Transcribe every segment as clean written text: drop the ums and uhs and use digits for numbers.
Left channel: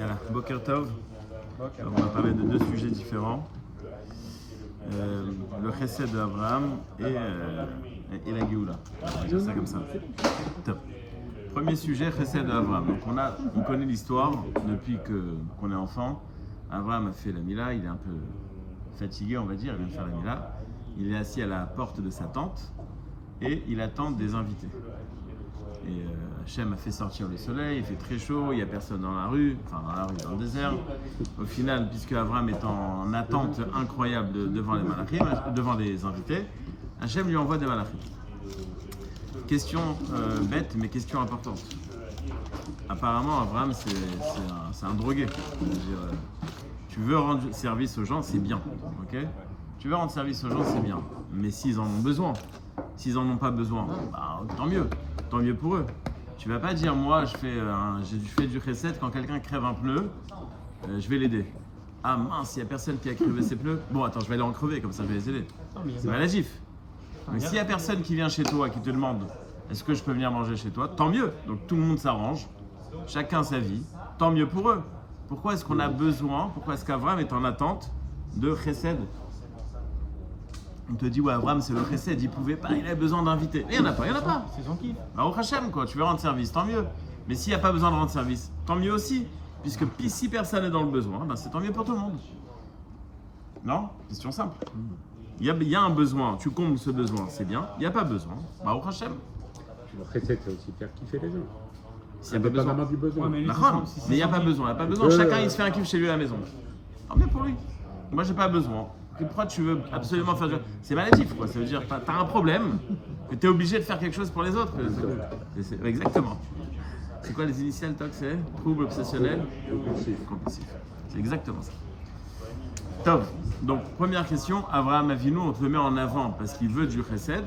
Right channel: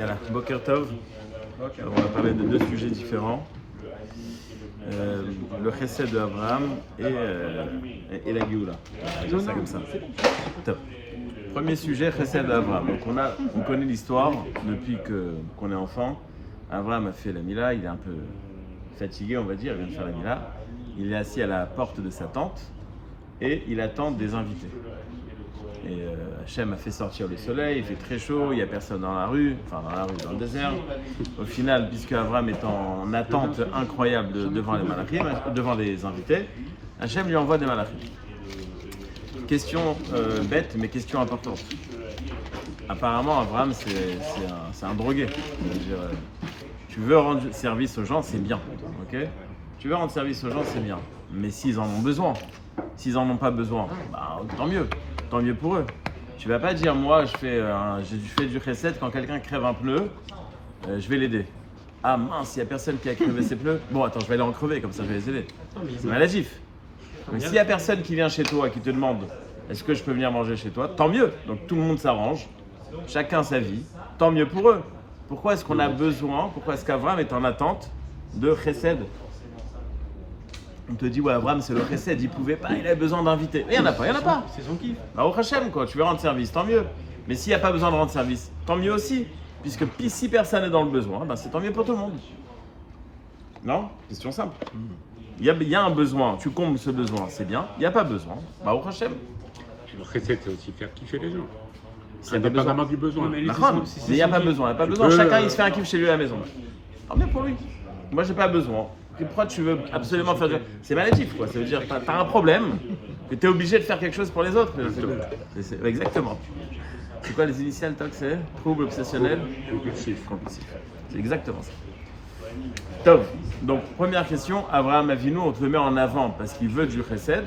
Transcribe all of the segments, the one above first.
Voilà, Boker Tov. Alors, on va parler de deux sujets différents. Le chesed de Abraham et la Géoula. On va dire ça comme ça. Top. Premier sujet, chesed de Abraham. Donc on connaît l'histoire depuis qu'on est enfant. Abraham a fait la Mila, il est un peu fatigué, on va dire, il vient de faire la Mila. Il est assis à la porte de sa tente et il attend des invités. Et Hachem a fait sortir le soleil, il fait très chaud, il n'y a personne dans la rue, dans le désert. Au final, puisque Abraham est en attente incroyable devant les malachim, devant les invités, Hachem lui envoie des malachim. Question bête, mais question importante. Apparemment, Abraham, c'est un drogué. C'est-à-dire, tu veux rendre service aux gens, c'est bien. Okay, tu veux rendre service aux gens, c'est bien. Mais s'ils en ont besoin, s'ils n'en ont pas besoin, bah, tant mieux pour eux. Tu vas pas dire, moi, je fais du chesed, quand quelqu'un crève un pneu, je vais l'aider. Ah mince, il n'y a personne qui a crevé ses pneus. Bon, attends, je vais aller en crever, comme ça je vais les aider. C'est maladif. Mais s'il n'y a personne qui vient chez toi et qui te demande, est-ce que je peux venir manger chez toi, tant mieux. Donc tout le monde s'arrange, chacun sa vie, tant mieux pour eux. Pourquoi est-ce qu'on a besoin, pourquoi est-ce qu'Abraham est en attente de chesed? On te dit, ouais, Abraham, c'est le chesed, il pouvait pas, il avait besoin d'invités. Mais il n'y en a pas. C'est son kiff. Bah, au Hachem, quoi, tu veux rendre service, tant mieux. Mais s'il n'y a pas besoin de rendre service, tant mieux aussi. Puisque si personne est dans le besoin, bah, c'est tant mieux pour tout le monde. Non? Question simple. Il y a un besoin, tu combles ce besoin, c'est bien. Il n'y a pas besoin, bah, au Hachem. Le chesed, c'est aussi faire kiffer les gens. S'il n'y a pas besoin. Du besoin. Mais il n'y a pas besoin, Chacun, il se fait un kiff chez lui à la maison. Tant mieux pour lui. Moi, j'ai pas besoin. Pourquoi tu veux absolument faire du... C'est maladif, quoi. Ça veut dire que tu as un problème, que tu es obligé de faire quelque chose pour les autres. Exactement. C'est quoi les initiales, toi, que c'est? Trouble obsessionnel compulsif. C'est exactement ça. Top. Donc, première question, Abraham Avinu, on te le met en avant parce qu'il veut du chesed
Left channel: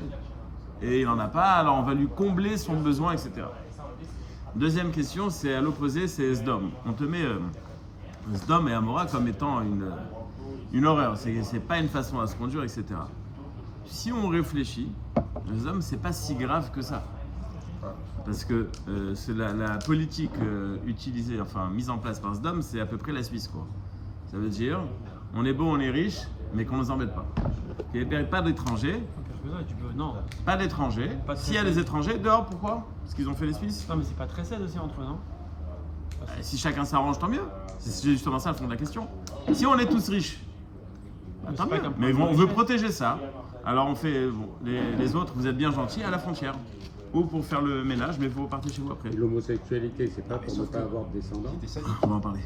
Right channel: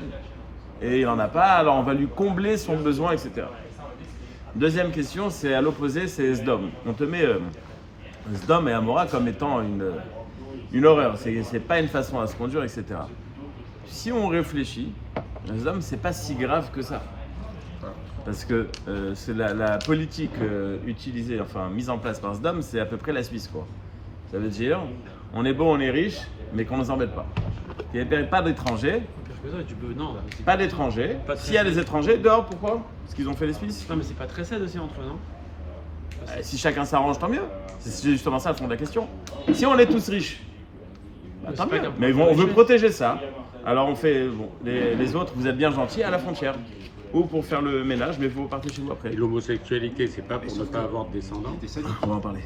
et il n'en a pas, alors on va lui combler son besoin, etc. Deuxième question, c'est à l'opposé, c'est Sdom. On te met Sdom et Amora comme étant une horreur, c'est pas une façon à se conduire, etc. Si on réfléchit, Sdom, c'est pas si grave que ça. Parce que c'est la politique utilisée, mise en place par Sdom, c'est à peu près la Suisse, quoi. Ça veut dire, on est bon, on est riche, mais qu'on ne nous embête pas. Il n'y a pas d'étrangers. Pas d'étrangers. S'il y a des étrangers, dehors, pourquoi? Parce qu'ils ont fait les Suisses. Non, mais c'est pas très sad aussi entre eux, non? Si chacun s'arrange, tant mieux. C'est justement ça le fond de la question. Si on est tous riches, bah, tant mieux. Mais bon, on veut protéger ça. Alors on fait, les autres, vous êtes bien gentils à la frontière. Ou pour faire le ménage, mais vous partez chez vous après. Et l'homosexualité, c'est pas pour ne pas avoir de descendants. On va en parler.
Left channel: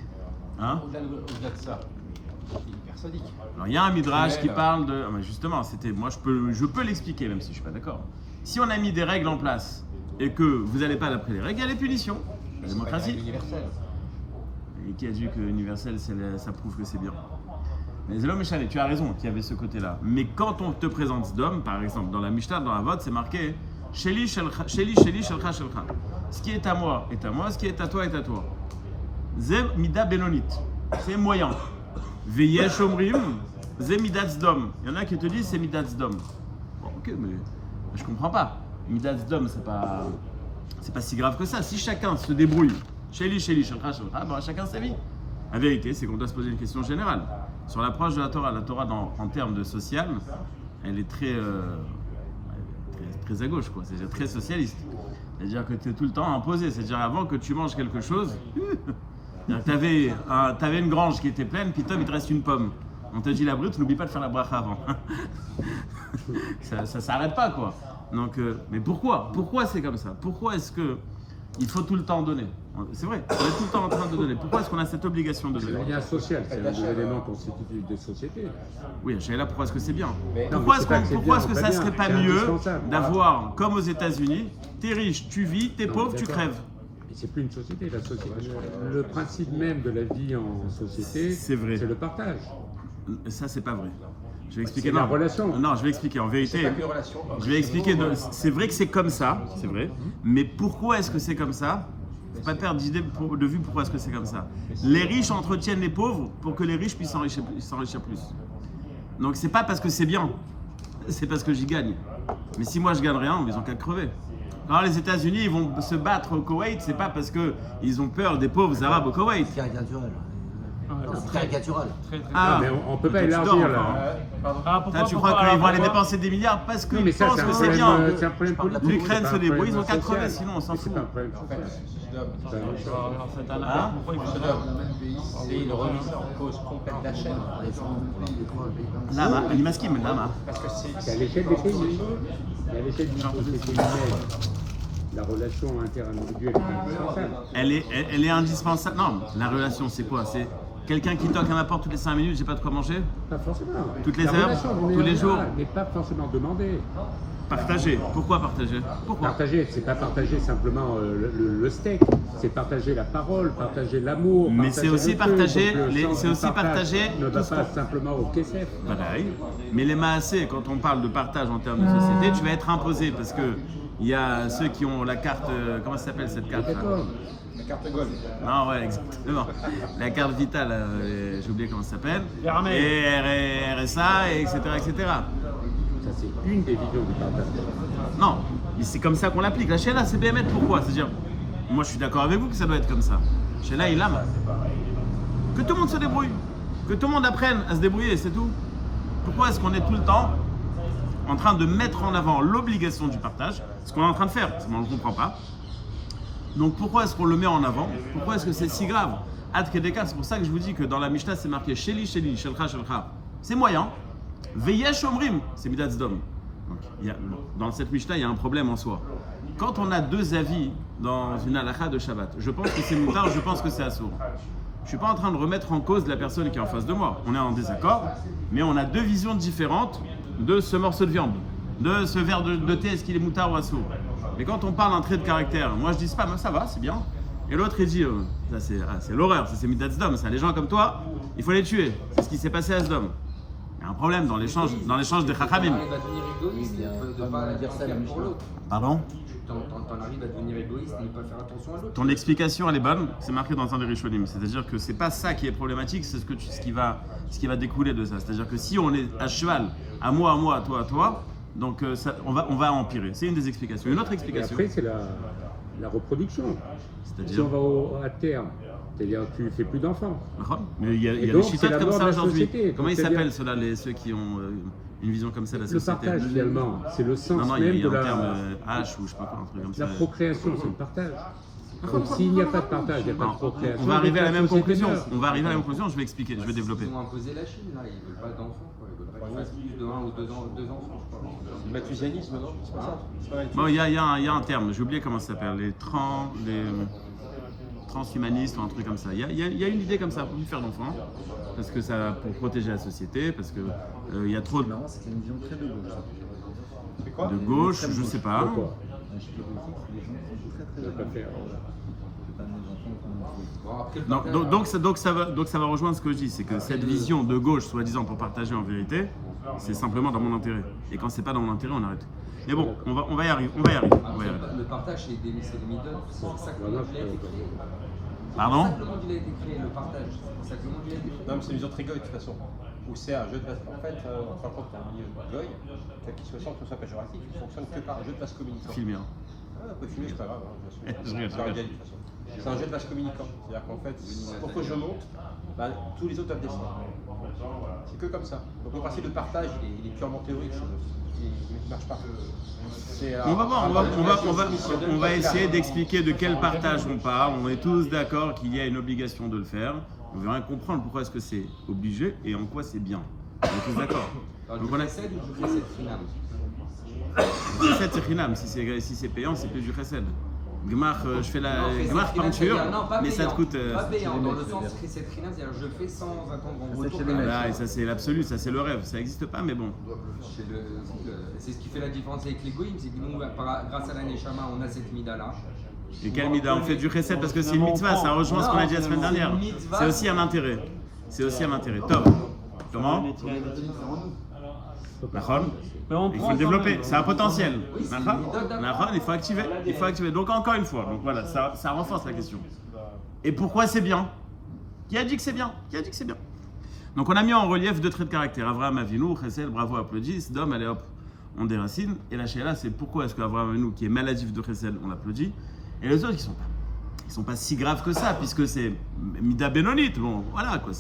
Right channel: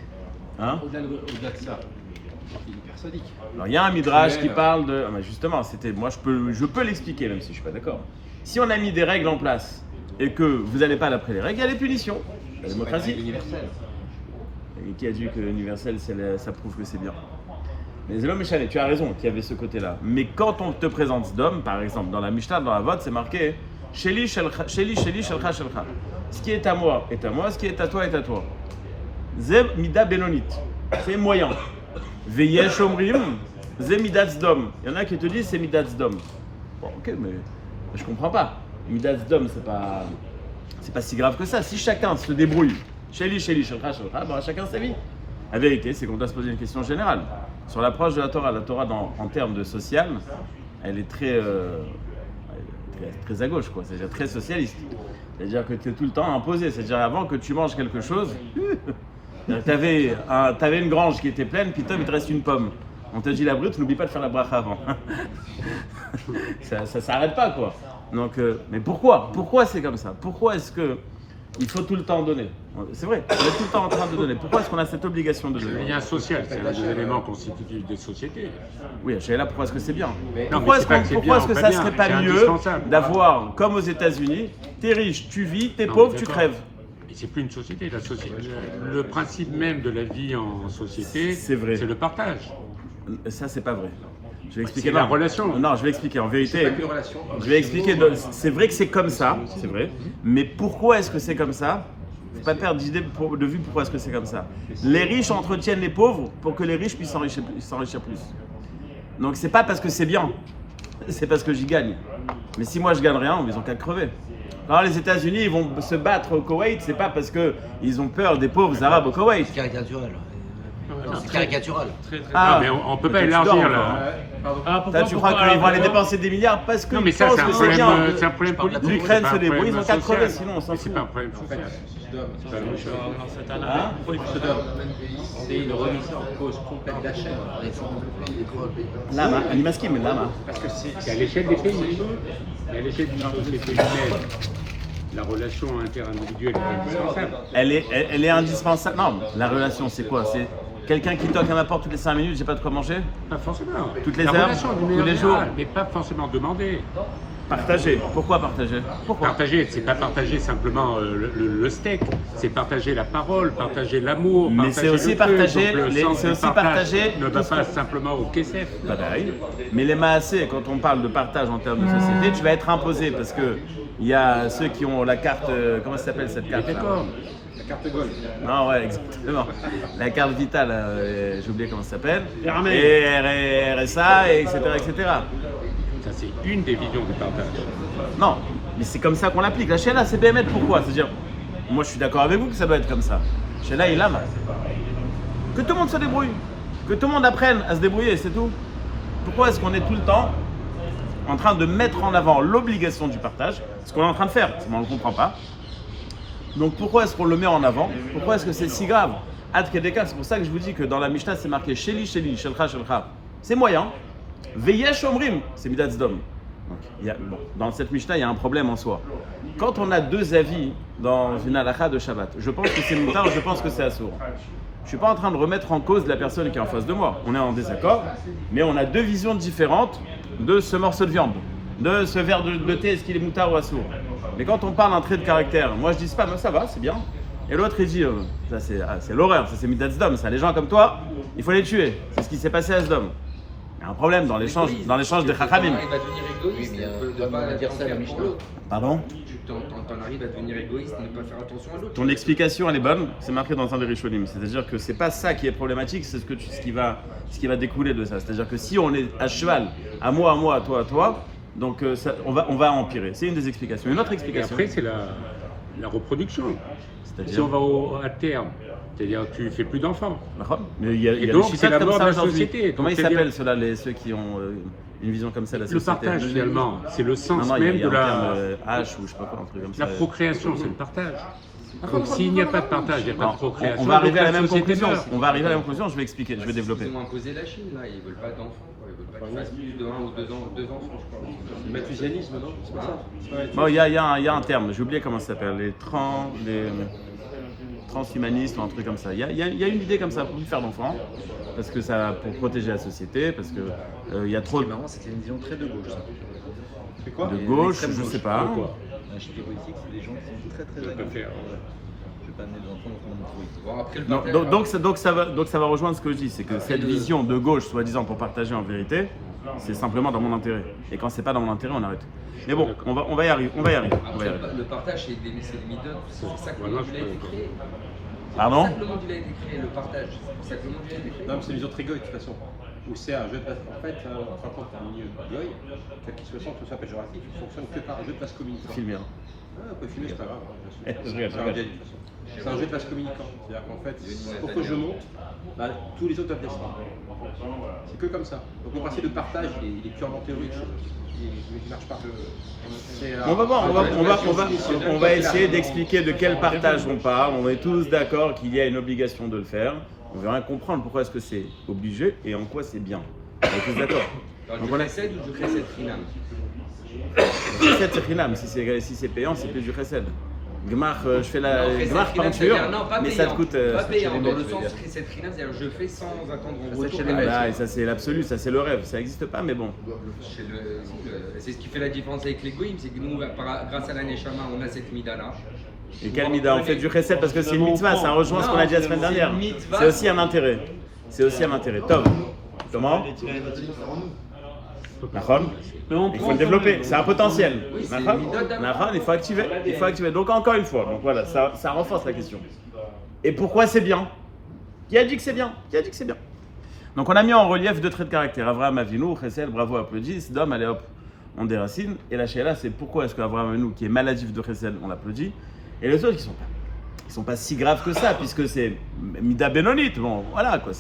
Hein? Au-delà de ça, il est hyper sadique. Alors il y a un midrash qui parle de... Ah, justement, moi je peux l'expliquer même si je suis pas d'accord. Si on a mis des règles en place et que vous n'allez pas d'après les règles, il y a des punitions. La démocratie. Et qui a dit que l'universel, ça prouve que c'est bien. Mais Zélom Méchané, tu as raison qu'il y avait ce côté-là. Mais quand on te présente Sdom, par exemple, dans la Mishnah, dans la Vot, c'est marqué Sheli, Shelcha, Shelcha. Ce qui est à moi, ce qui est à toi, est à toi. Zem Mida Benonit. C'est moyen. Veyesh Omrim, Zem Midat Sdom. Il y en a qui te disent c'est Midat Sdom. Bon, ok, mais je comprends pas. Midat Sdom, c'est pas si grave que ça. Si chacun se débrouille, Sheli, Shelcha, bah, chacun sa vie. La vérité, c'est qu'on doit se poser une question générale. Sur l'approche de la Torah en termes de social, elle est très à gauche, quoi. C'est-à-dire très socialiste. C'est-à-dire que tu es tout le temps imposé. C'est-à-dire avant que tu manges quelque chose, tu avais une grange qui était pleine, puis il te reste une pomme. On te dit la brute, n'oublie pas de faire la bracha avant. ça s'arrête pas, quoi. Donc, mais pourquoi? Pourquoi c'est comme ça? Pourquoi est-ce que il faut tout le temps donner? C'est vrai, on est tout le temps en train de donner. Pourquoi est-ce qu'on a cette obligation de donner? Le lien social, c'est un des éléments constitutifs des sociétés. Oui, je suis là, pourquoi est-ce que c'est bien? Pourquoi est-ce que ça serait pas mieux d'avoir, comme aux États-Unis, t'es riche, tu vis, t'es pauvre, tu crèves? C'est plus une société. Le principe même de la vie en société, c'est vrai. C'est le partage. Ça, c'est pas vrai. Je vais expliquer. La relation. Non, je vais expliquer. En vérité, je vais expliquer. C'est vrai que c'est comme ça, c'est vrai. Mais pourquoi est-ce que c'est comme ça? Faut pas perdre de vue pourquoi est-ce que c'est comme ça. Les riches entretiennent les pauvres pour que les riches puissent s'enrichir plus. Donc c'est pas parce que c'est bien, c'est parce que j'y gagne. Mais si moi je gagne rien, ils ont qu'à crever. Alors les États-Unis, ils vont se battre au Koweït, c'est pas parce qu'ils ont peur des pauvres Arabes au Koweït. C'est caricatural. Non, c'est caricatural. Ah, mais on peut pas peut-être tu élargir dors là. encore. Ah, Toi, tu crois qu'ils vont aller dépenser des milliards parce Non, mais qu'ils ça, pensent c'est un que c'est problème, bien. c'est un problème politique. L'Ukraine C'est se pas un débrouille, ils ont problème qu'à crever, social. sinon on s'en C'est fout. pas un problème En fait, social. Hein c'est une remise en cause complète d'achat. Lama, אני מסכים, lama. Parce que C'est à l'échelle des pays. À l'échelle des sociétés humaines, la relation interindividuelle est indispensable. Elle est indispensable. Non, la relation, c'est quoi? C'est quelqu'un qui toque à ma porte toutes les 5 minutes, j'ai pas de quoi manger? Pas forcément. Toutes les La heures, relation, tous les jours. Mais pas forcément demander. Partager. Pourquoi partager? Pourquoi? Partager, c'est pas partager simplement le steak, c'est partager la parole, partager l'amour. Mais partager c'est aussi le feu. partager Donc, le les- sens c'est du aussi partage partager ne tout va ce pas qu'on- simplement au KSF. Pareil. Mais les maasés, quand on parle de partage en termes de société, tu vas être imposé parce que il y a ceux qui ont la carte, comment ça s'appelle cette carte là? la carte Gold. Non, ouais, exactement. La carte vitale, j'ai oublié comment ça s'appelle. L'armée. Et RSA, et etc., etc. Ça, c'est une des visions du partage. Non, mais c'est comme ça qu'on l'applique. La Sheila, c'est BMF, pourquoi? C'est-à-dire, moi je suis d'accord avec vous que ça doit être comme ça. Sheila, il aime. Que tout le monde se débrouille. Que tout le monde apprenne à se débrouiller, c'est tout. Pourquoi est-ce qu'on est tout le temps en train de mettre en avant l'obligation du partage? Ce qu'on est en train de faire, on ne le comprend pas. Donc pourquoi est-ce qu'on le met en avant? Pourquoi est-ce que c'est si grave? Ad Kedeka, c'est pour ça que je vous dis que dans la Mishnah, c'est marqué Sheli, Sheli, Shelcha, Shelcha. C'est moyen. Veyesh Omrim, c'est Midat Zdom. Donc, dans cette Mishnah, il y a un problème en soi. Quand on a deux avis dans une halakha de Shabbat, je pense que c'est moutar, je pense que c'est assour. Je ne suis pas en train de remettre en cause la personne qui est en face de moi. On est en désaccord, mais on a deux visions différentes de ce morceau de viande, de ce verre de thé, est-ce qu'il est moutar ou assour. Mais quand on parle d'un trait de caractère, moi je dis pas, mais ça va, c'est bien. Et l'autre il dit, ça c'est l'horreur, ça c'est Midat Zdom, ça les gens comme toi, il faut les tuer. C'est ce qui s'est passé à Sdom. Il y a un problème dans l'échange des Chachamim. T'en arrives à devenir égoïste, Oui, mais de pas dire ça, la faire Mishnah. pour l'autre. Pardon? T'en arrives à devenir égoïste, ne pas faire attention à l'autre. Ton explication elle est bonne, c'est marqué dans un des Rishonim. C'est-à-dire que c'est pas ça qui est problématique, c'est ce qui va découler de ça. C'est-à-dire que si on est à cheval, à moi, à toi, donc on va empirer. C'est une des explications. Une autre Et explication. après, c'est la reproduction. Si C'est-à-dire. on va à terme, c'est-à-dire que tu fais plus d'enfants. Mais il y a Et des donc, c'est chitotes la comme mort ça de la aujourd'hui. société. Comment ils C'est-à-dire- s'appellent ceux-là, ceux qui ont une vision comme ça de la Le société? partage, finalement, c'est le sens Non, il même y a de un terme la... H ou je sais pas quoi, un truc comme ça. La procréation, c'est le partage. Donc s'il n'y a pas de partage, il n'y a pas Non, de procréation. on va arriver à la donc même société conclusion. meurt. On va arriver à la même conclusion, je vais expliquer, je vais Ils développer. ont imposé la Chine, là, ils veulent pas d'enfants. Quoi. Ils veulent pas qu'ils fassent plus de 1 ou 2 enfants, je crois. Le mathusianisme, non? C'est pas ça? C'est pas Bon, il y a un terme, j'ai oublié comment ça s'appelle, les transhumanistes ou un truc comme ça. Il y a une idée comme ça pour plus faire d'enfants, parce que ça, pour protéger la société, parce que il y a trop C'est marrant, c'était une vision très de gauche. Ça. C'est quoi? de gauche, je sais pas. Chez les politiques, c'est des gens qui sont très très à gauche. Je vais pas amener d'enfants dans mon bruit. Bon, après, le Non, partage, donc ça va rejoindre ce que je dis, c'est que cette vision de gauche, soi-disant pour partager en vérité, c'est simplement dans mon intérêt. Et quand c'est pas dans mon intérêt, on arrête. Mais bon, on va y arriver. après, le partage, c'est des midot. C'est pour ça que le monde il a été créé. Pardon? C'est pour ça que le monde il a été créé, le partage. C'est pour ça que le monde il a été créé. Non, mais c'est une vision très goy de toute façon. Où c'est un jeu de place. En fait, par contre, un milieu goy, quel qu'il soit, tout ça péjoratif, il fonctionne que par un jeu de place communicant. Filmé, hein. Ouais, on peut filmer, c'est pas grave. Je regarde. C'est un jeu de place communicant. C'est-à-dire qu'en fait, pour que je monte, bah, tous les autres doivent descendre. C'est que comme ça. Donc le principe de partage, il est purement théorique. Il ne marche pas. On va voir, on va essayer d'expliquer de quel partage on parle. On est tous d'accord qu'il y a une obligation de le faire. On verra comprendre pourquoi est-ce que c'est obligé et en quoi c'est bien. On est tous d'accord. Alors, Donc du on a chesed ou du chesed finam? chesed c'est chinam. Si c'est payant, c'est plus du chesed. Gmar, je fais la Non, chesed gmar finam, peinture, c'est-à-dire, non, pas mais ça te payant. coûte. Pas payant, dans le sens chesed finam, c'est-à-dire je fais sans attendre un retour. Ah là, et ça c'est l'absolu, ça c'est le rêve. Ça n'existe pas, mais bon. C'est ce qui fait la différence avec les goïms, c'est que nous, grâce à la Neshama, on a cette mida-là. Et quel mida? On fait du chesed parce que c'est une mitzvah. Ça rejoint ce qu'on a dit la semaine dernière. C'est aussi un intérêt. C'est aussi un intérêt. Tom, comment? Nahon? Il faut le développer, c'est un potentiel. Nahon? Nahon, il faut activer. Il faut activer. Donc encore une fois, donc voilà, ça renforce la question. Et pourquoi c'est bien? Qui a dit que c'est bien? Qui a dit que c'est bien? Donc on a mis en relief deux traits de caractère. Avraham Avinu, Chesed, bravo, applaudis. Sdom, allez hop. ont des racines. Et la Sheila, c'est pourquoi est-ce qu'Abraham Avinu, qui est maladif de Chesed, on l'applaudit, et les autres qui sont pas si graves que ça, puisque c'est Mida Benonite. Bon, voilà quoi.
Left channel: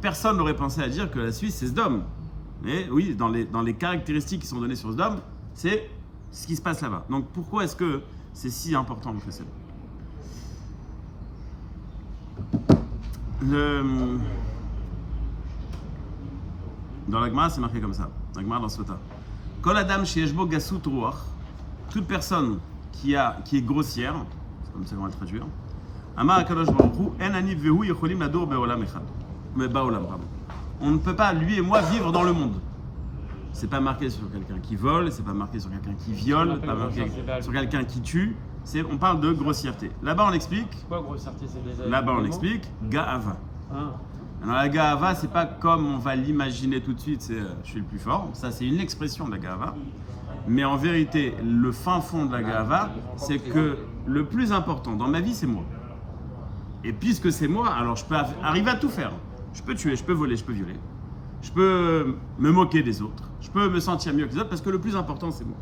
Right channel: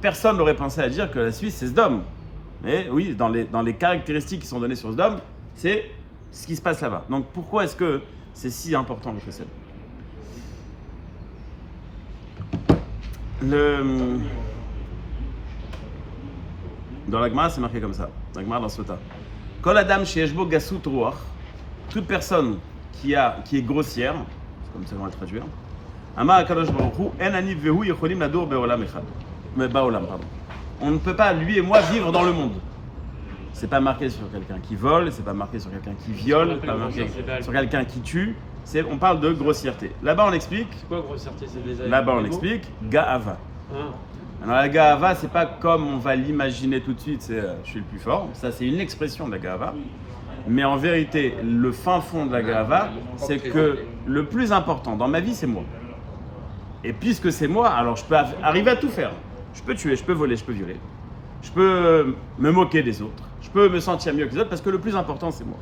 Personne n'aurait pensé à dire que la Suisse, c'est Sdom. Mais oui, dans les caractéristiques qui sont données sur Sdom, c'est ce qui se passe là-bas. Donc pourquoi est-ce que c'est si important le Chesed? Dans la Gemara, c'est marqué comme ça. La Gemara dans Sota. Kol Adam sheyeshbo gasut ruach, toute personne qui est grossière, comme ça on va le traduire. Amar Akadosh Baruch Hu, en ani vehu yecholim ladur be'olam echad. Ba'olam, pardon. On ne peut pas, lui et moi, vivre dans le monde. C'est pas marqué sur quelqu'un qui vole, c'est pas marqué sur quelqu'un qui viole, c'est pas marqué sur quelqu'un qui tue. On parle de grossièreté. Là-bas, on explique. Quoi, grossièreté, c'est des Là-bas, on animaux explique Ga'ava. Ah. Alors, la Ga'ava, c'est pas comme on va l'imaginer tout de suite, c'est je suis le plus fort. Ça, c'est une expression de la Ga'ava. Mais en vérité, le fin fond de la Ga'ava, c'est que le plus important dans ma vie, c'est moi. Et puisque c'est moi, alors je peux arriver à tout faire. Je peux tuer, je peux voler, je peux violer. Je peux me moquer des autres. Je peux me sentir mieux que les autres parce que le plus important, c'est moi.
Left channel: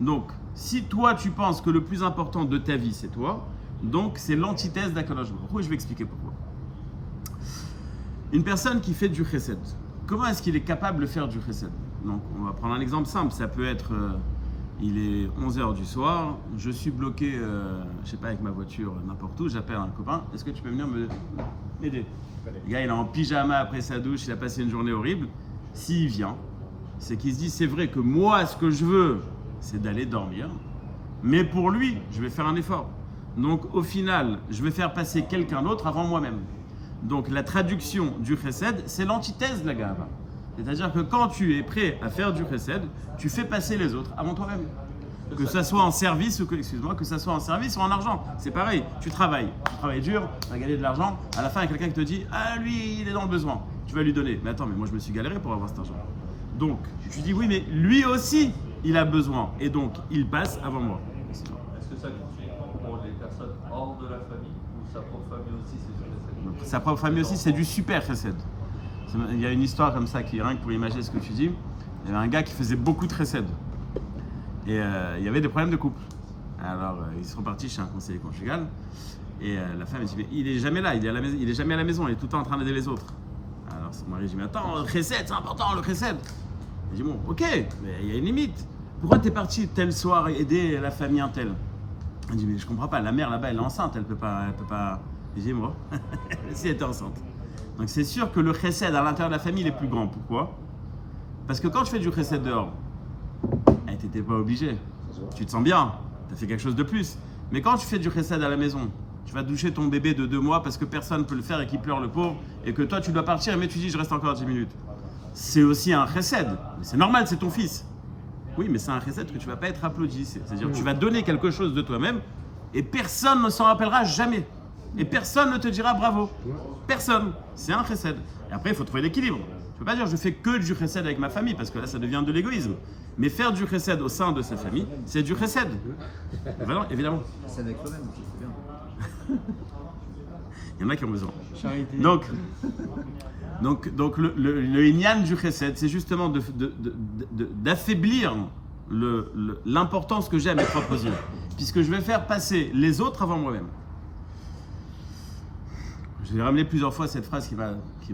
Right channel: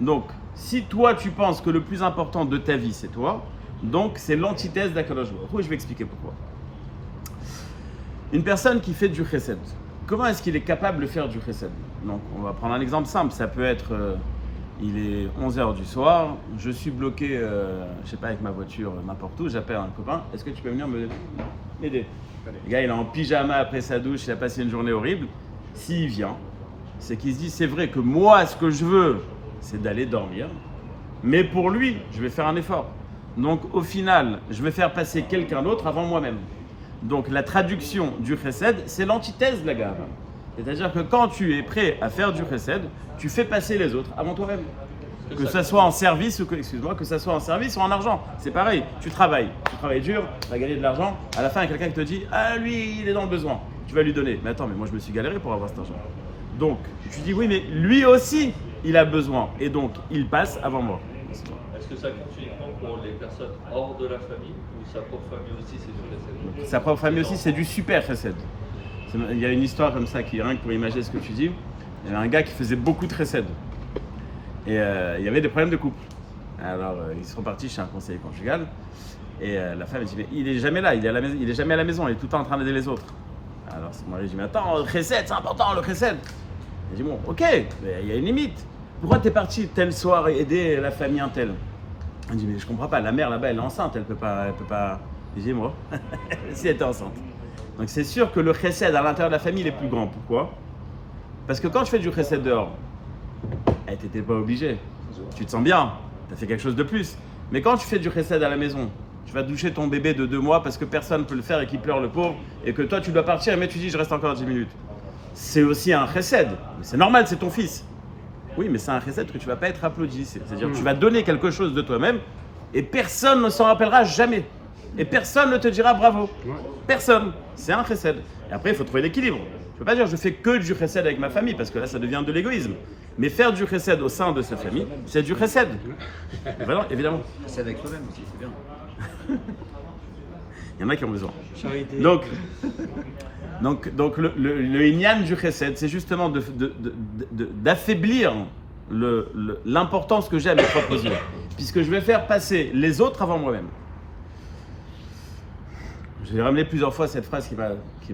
Donc, si toi, tu penses que le plus important de ta vie, c'est toi, donc c'est l'antithèse d'Akadosh Baruch Hu. Je vais expliquer pourquoi. Une personne qui fait du chesed, comment est-ce qu'il est capable de faire du chesed? Donc, on va prendre un exemple simple. Ça peut être, il est 11h du soir, je suis bloqué, je sais pas, avec ma voiture n'importe où, j'appelle un copain, est-ce que tu peux venir m'aider? Le gars, il est en pyjama après sa douche, il a passé une journée horrible. S'il vient, c'est qu'il se dit, c'est vrai que moi, ce que je veux, c'est d'aller dormir, mais pour lui, je vais faire un effort. Donc, au final, je vais faire passer quelqu'un d'autre avant moi-même. Donc, la traduction du chesed, c'est l'antithèse de la gava. C'est-à-dire que quand tu es prêt à faire du chesed, tu fais passer les autres avant toi-même. Que ça soit en service ou que ça soit en service ou en argent, c'est pareil. Tu travailles dur, tu vas gagner de l'argent. À la fin, il y a quelqu'un qui te dit « Ah, lui, il est dans le besoin. » Tu vas lui donner. Mais attends, mais moi, je me suis galéré pour avoir cet argent. Donc, tu dis « Oui, mais lui aussi, il a besoin. Et donc, il passe avant moi. » Est-ce que ça compte uniquement pour les personnes hors de la famille ou sa propre famille aussi, c'est du chesed? Sa propre famille aussi, c'est du super chesed. Il y a une histoire comme ça qui, rien que pour imaginer ce que tu dis, il y avait un gars qui faisait beaucoup de chesed. Et il y avait des problèmes de couple. Alors, ils sont partis chez un conseiller conjugal. Et la femme, elle dit, mais il est jamais là, il est jamais à la maison, il est tout le temps en train d'aider les autres. Alors, son mari dit, mais attends, le chesed, c'est important, le chesed. Il dit, bon, ok, mais il y a une limite. Pourquoi tu es parti tel soir aider la famille un tel? Elle dit, mais je comprends pas, la mère là-bas, elle est enceinte, elle peut pas. Je dis, moi, si elle était enceinte. Donc, c'est sûr que le chesed à l'intérieur de la famille, il est plus grand. Pourquoi? Parce que quand tu fais du chesed dehors, tu n'étais pas obligé. Tu te sens bien, tu as fait quelque chose de plus. Mais quand tu fais du chesed à la maison, tu vas doucher ton bébé de 2 mois parce que personne ne peut le faire et qu'il pleure le pauvre, et que toi tu dois partir, mais tu dis je reste encore 10 minutes. C'est aussi un chesed. Mais c'est normal, c'est ton fils. Oui, mais c'est un chesed que tu ne vas pas être applaudi. C'est-à-dire que tu vas donner quelque chose de toi-même et personne ne s'en rappellera jamais. Et personne ne te dira bravo. Personne. C'est un chesed. Et après, il faut trouver l'équilibre. Je ne peux pas dire je fais que du chesed avec ma famille parce que là ça devient de l'égoïsme. Mais faire du chesed au sein de sa famille, c'est du chesed. Vraiment, évidemment. C'est avec toi-même aussi, c'est bien. Il y en a qui ont besoin. Donc le inyan du chesed, c'est justement d'affaiblir l'importance que j'ai à mes propres yeux. Puisque je vais faire passer les autres avant moi-même. J'ai ramené plusieurs fois cette phrase qui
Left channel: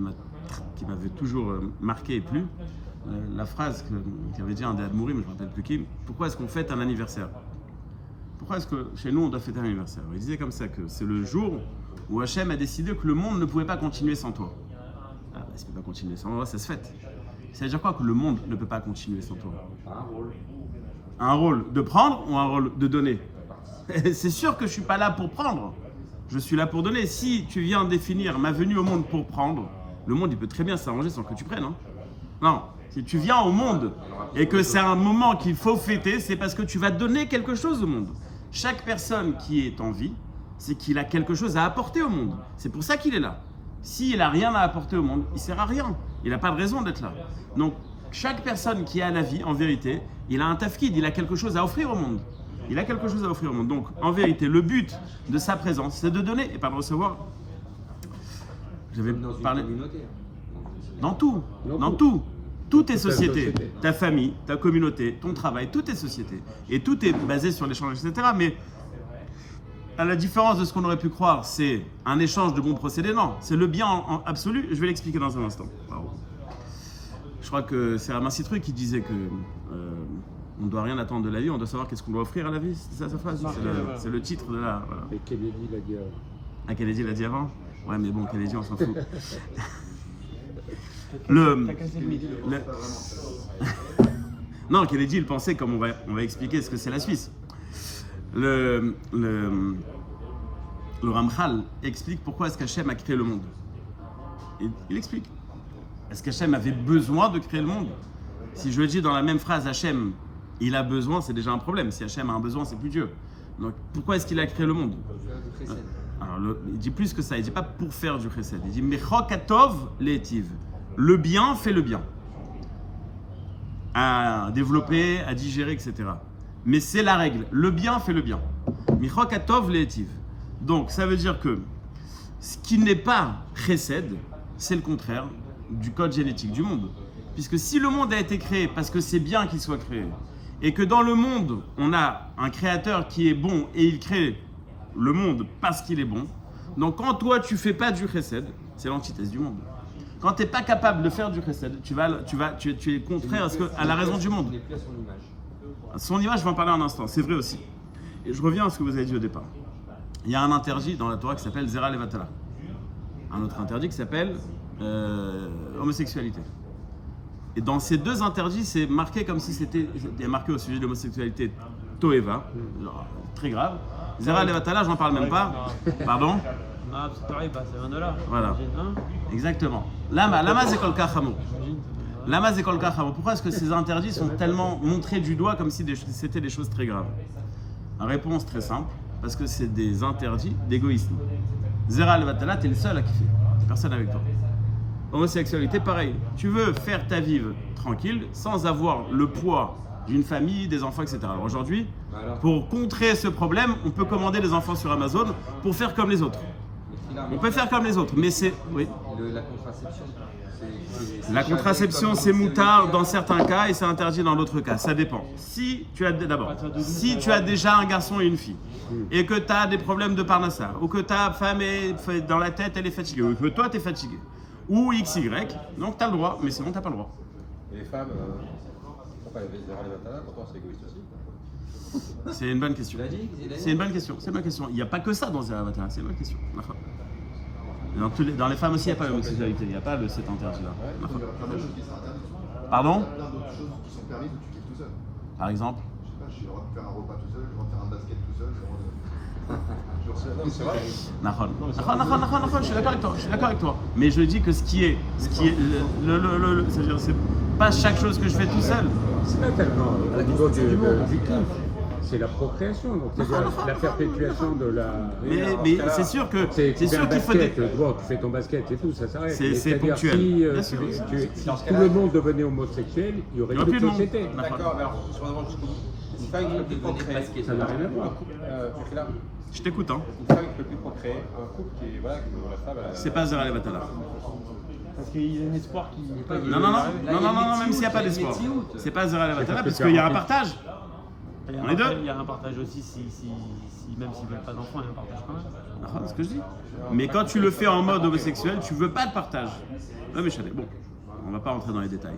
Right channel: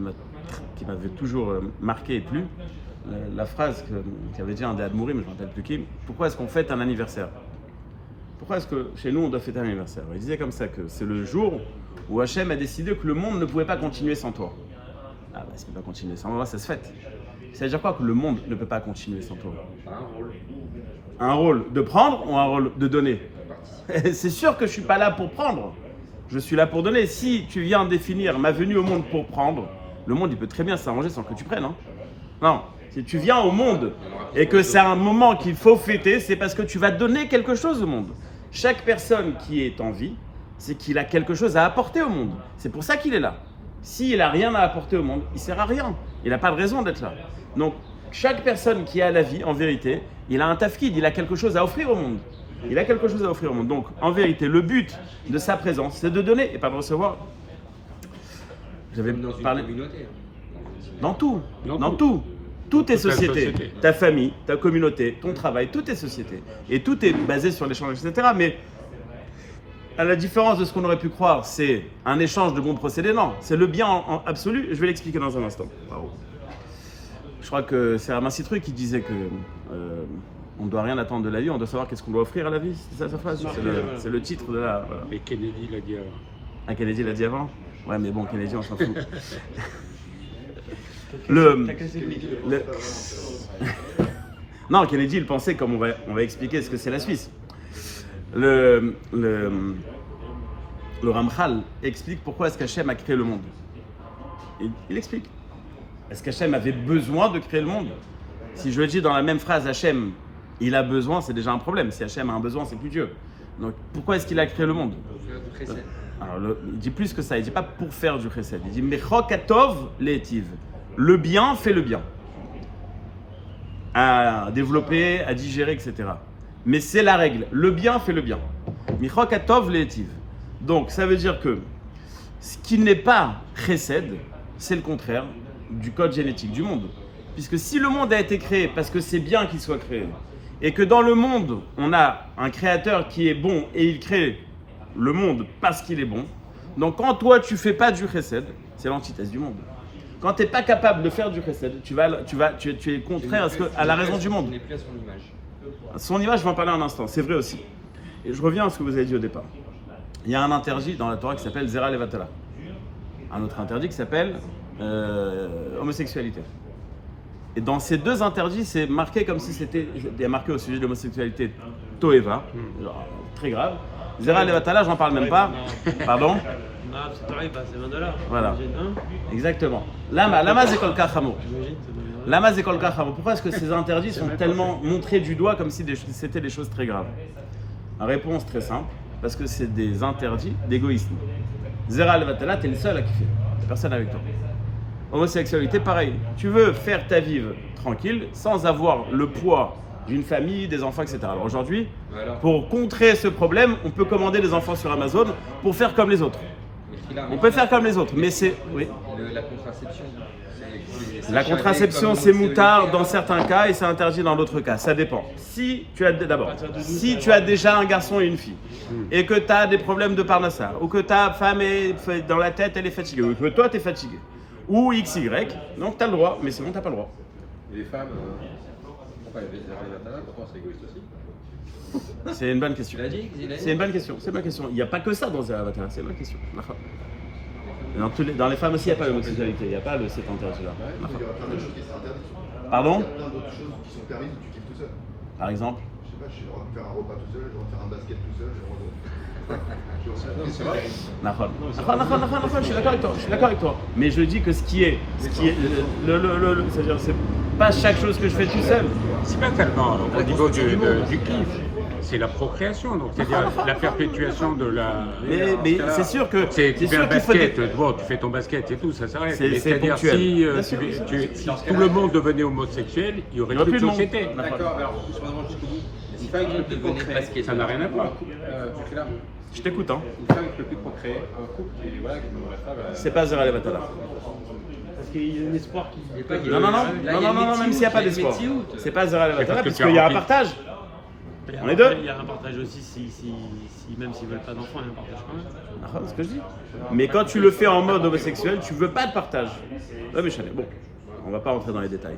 m'avait toujours marqué et plu. La phrase qu'avait dit un des Admourim, je ne me rappelle plus qui. Pourquoi est-ce qu'on fête un anniversaire? Pourquoi est-ce que chez nous on doit fêter un anniversaire? Il disait comme ça que c'est le jour où Hachem a décidé que le monde ne pouvait pas continuer sans toi. Ah bah s'il ne peut pas continuer sans moi, ça se fête. Ça veut dire quoi que le monde ne peut pas continuer sans toi? Un rôle de prendre ou un rôle de donner? C'est sûr que je ne suis pas là pour prendre. Je suis là pour donner. Si tu viens définir ma venue au monde pour prendre, le monde il peut très bien s'arranger sans que tu prennes. Hein. Non, si tu viens au monde et que c'est un moment qu'il faut fêter, c'est parce que tu vas donner quelque chose au monde. Chaque personne qui est en vie, c'est qu'il a quelque chose à apporter au monde. C'est pour ça qu'il est là. S'il n'a rien à apporter au monde, il ne sert à rien. Il n'a pas de raison d'être là. Donc, chaque personne qui a la vie, en vérité, il a un tafkid, il a quelque chose à offrir au monde. Il a quelque chose à offrir au monde. Donc, en vérité, le but de sa présence, c'est de donner et pas de recevoir. J'avais parlé. Dans tout. Tout est Toute la société. société. Ta famille, ta communauté, ton travail, tout est société. Et tout est basé sur l'échange, etc. Mais à la différence de ce qu'on aurait pu croire, c'est un échange de bons procédés. Non, c'est le bien en absolu. Je vais l'expliquer dans un instant. Bravo. Je crois que c'est Ramassi Truc qui disait que on ne doit rien attendre de la vie, on doit savoir qu'est-ce qu'on doit offrir à la vie. C'est ça sa phrase. C'est le titre de la. Voilà. Mais Kennedy l'a dit avant. Ah, Kennedy l'a dit avant. Ouais, mais bon, Kennedy, on s'en fout. le... Non, Kennedy, il pensait, comme on va expliquer ce que c'est la Suisse. Le Ramchal explique pourquoi est-ce qu'Hachem a créé le monde. Il explique. Est-ce qu'Hachem avait besoin de créer le monde? Si je le dis dans la même phrase, Hachem, il a besoin, c'est déjà un problème. Si Hachem a un besoin, c'est plus Dieu. Donc pourquoi est-ce qu'il a créé le monde? Pour faire du chesed. Alors, il dit plus que ça, il ne dit pas pour faire du chesed. Il dit Mechokatov le'etiv. Le bien fait le bien. À développer, à digérer, etc. Mais c'est la règle. Le bien fait le bien. Mechokatov le'etiv. Donc ça veut dire que ce qui n'est pas chesed, c'est le contraire du code génétique du monde. Puisque si le monde a été créé parce que c'est bien qu'il soit créé, et que dans le monde, on a un créateur qui est bon et il crée le monde parce qu'il est bon, donc quand toi tu fais pas du chesed, c'est l'antithèse du monde. Quand tu n'es pas capable de faire du chesed, tu es contraire à la raison du monde. On n'est plus à son image. Son image, je vais en parler un instant, c'est vrai aussi. Et je reviens à ce que vous avez dit au départ. Il y a un interdit dans la Torah qui s'appelle Zera Levatala. Un autre interdit qui s'appelle homosexualité. Et dans ces deux interdits, c'est marqué comme si c'était marqué au sujet de l'homosexualité Toeva, très grave. Zera Levatala, j'en parle même pas. Pardon? Non, c'est pareil, c'est Mandala. Voilà. Exactement. Lama Zekol Kachamo. Lama Zekol Kachamo. Pourquoi est-ce que ces interdits sont tellement montrés du doigt comme si c'était des choses très graves? La réponse très simple, parce que c'est des interdits d'égoïsme. Zera Levatala, t'es le seul à kiffer. Il y a personne avec toi. Homosexualité, pareil. Tu veux faire ta vie tranquille, sans avoir le poids d'une famille, des enfants, etc. Alors aujourd'hui, Voilà. pour contrer ce problème, on peut commander des enfants sur Amazon pour faire comme les autres. On peut faire comme les autres, mais c'est... Oui. La contraception. La contraception, c'est moutard dans certains cas et c'est interdit dans d'autres cas. Ça dépend. Si tu as déjà un garçon et une fille et que tu as des problèmes de parnassa ou que ta femme est dans la tête, elle est fatiguée ou que toi tu es fatigué ou XY, donc tu as le droit, mais sinon tu n'as pas le droit. Et les femmes, pourquoi elles baissent l'intérieur? Pourtant, c'est égoïste aussi. C'est une bonne question. Tu l'as dit? C'est une bonne question. C'est ma question. Il n'y a pas que ça dans Zera Levatala, c'est ma question. Dans les femmes aussi, il n'y a pas l'homosexualité, il n'y a pas cet interdit-là. Pardon? Il y a plein d'autres choses qui sont permises où tu kiffes tout seul. Par exemple? Je sais pas, j'ai le droit de faire un repas tout seul, j'ai le droit de faire un basket tout seul, j'ai le droit de... Je suis d'accord avec toi. Mais je dis que ce qui est c'est-à-dire c'est pas chaque chose que je fais tout seul. C'est pas tellement au niveau du kiff, c'est la procréation, donc c'est-à-dire la perpétuation de la... Mais c'est sûr que C'est sûr qu'il faut des... Bon, tu fais ton basket et tout, ça s'arrête. C'est Mais c'est-à-dire, ponctuel. Si, Bien sûr, si tout le monde devenait homosexuel, il y aurait Il n'y aurait plus plus de de monde. société. D'accord, alors, je me demande jusqu'au bout. Une femme qui ne peut plus procréer, Ça n'a rien à voir. Je t'écoute, hein. une femme qui ne peut plus procréer, un couple qui est, voilà, qui ne reste pas, C'est pas Zera Levatala. Parce qu'il y a un espoir qui. Non, même s'il n'y a pas d'espoir. C'est pas Zera Levatala, parce qu'il y a un partage. On est deux. Il y a un partage aussi, si même s'ils veulent pas d'enfants, il y a un partage quand même. C'est ce que je dis. Mais quand tu le fais en mode homosexuel, tu veux pas de partage. Ouais, mais Chanel, bon, on va pas rentrer dans les détails.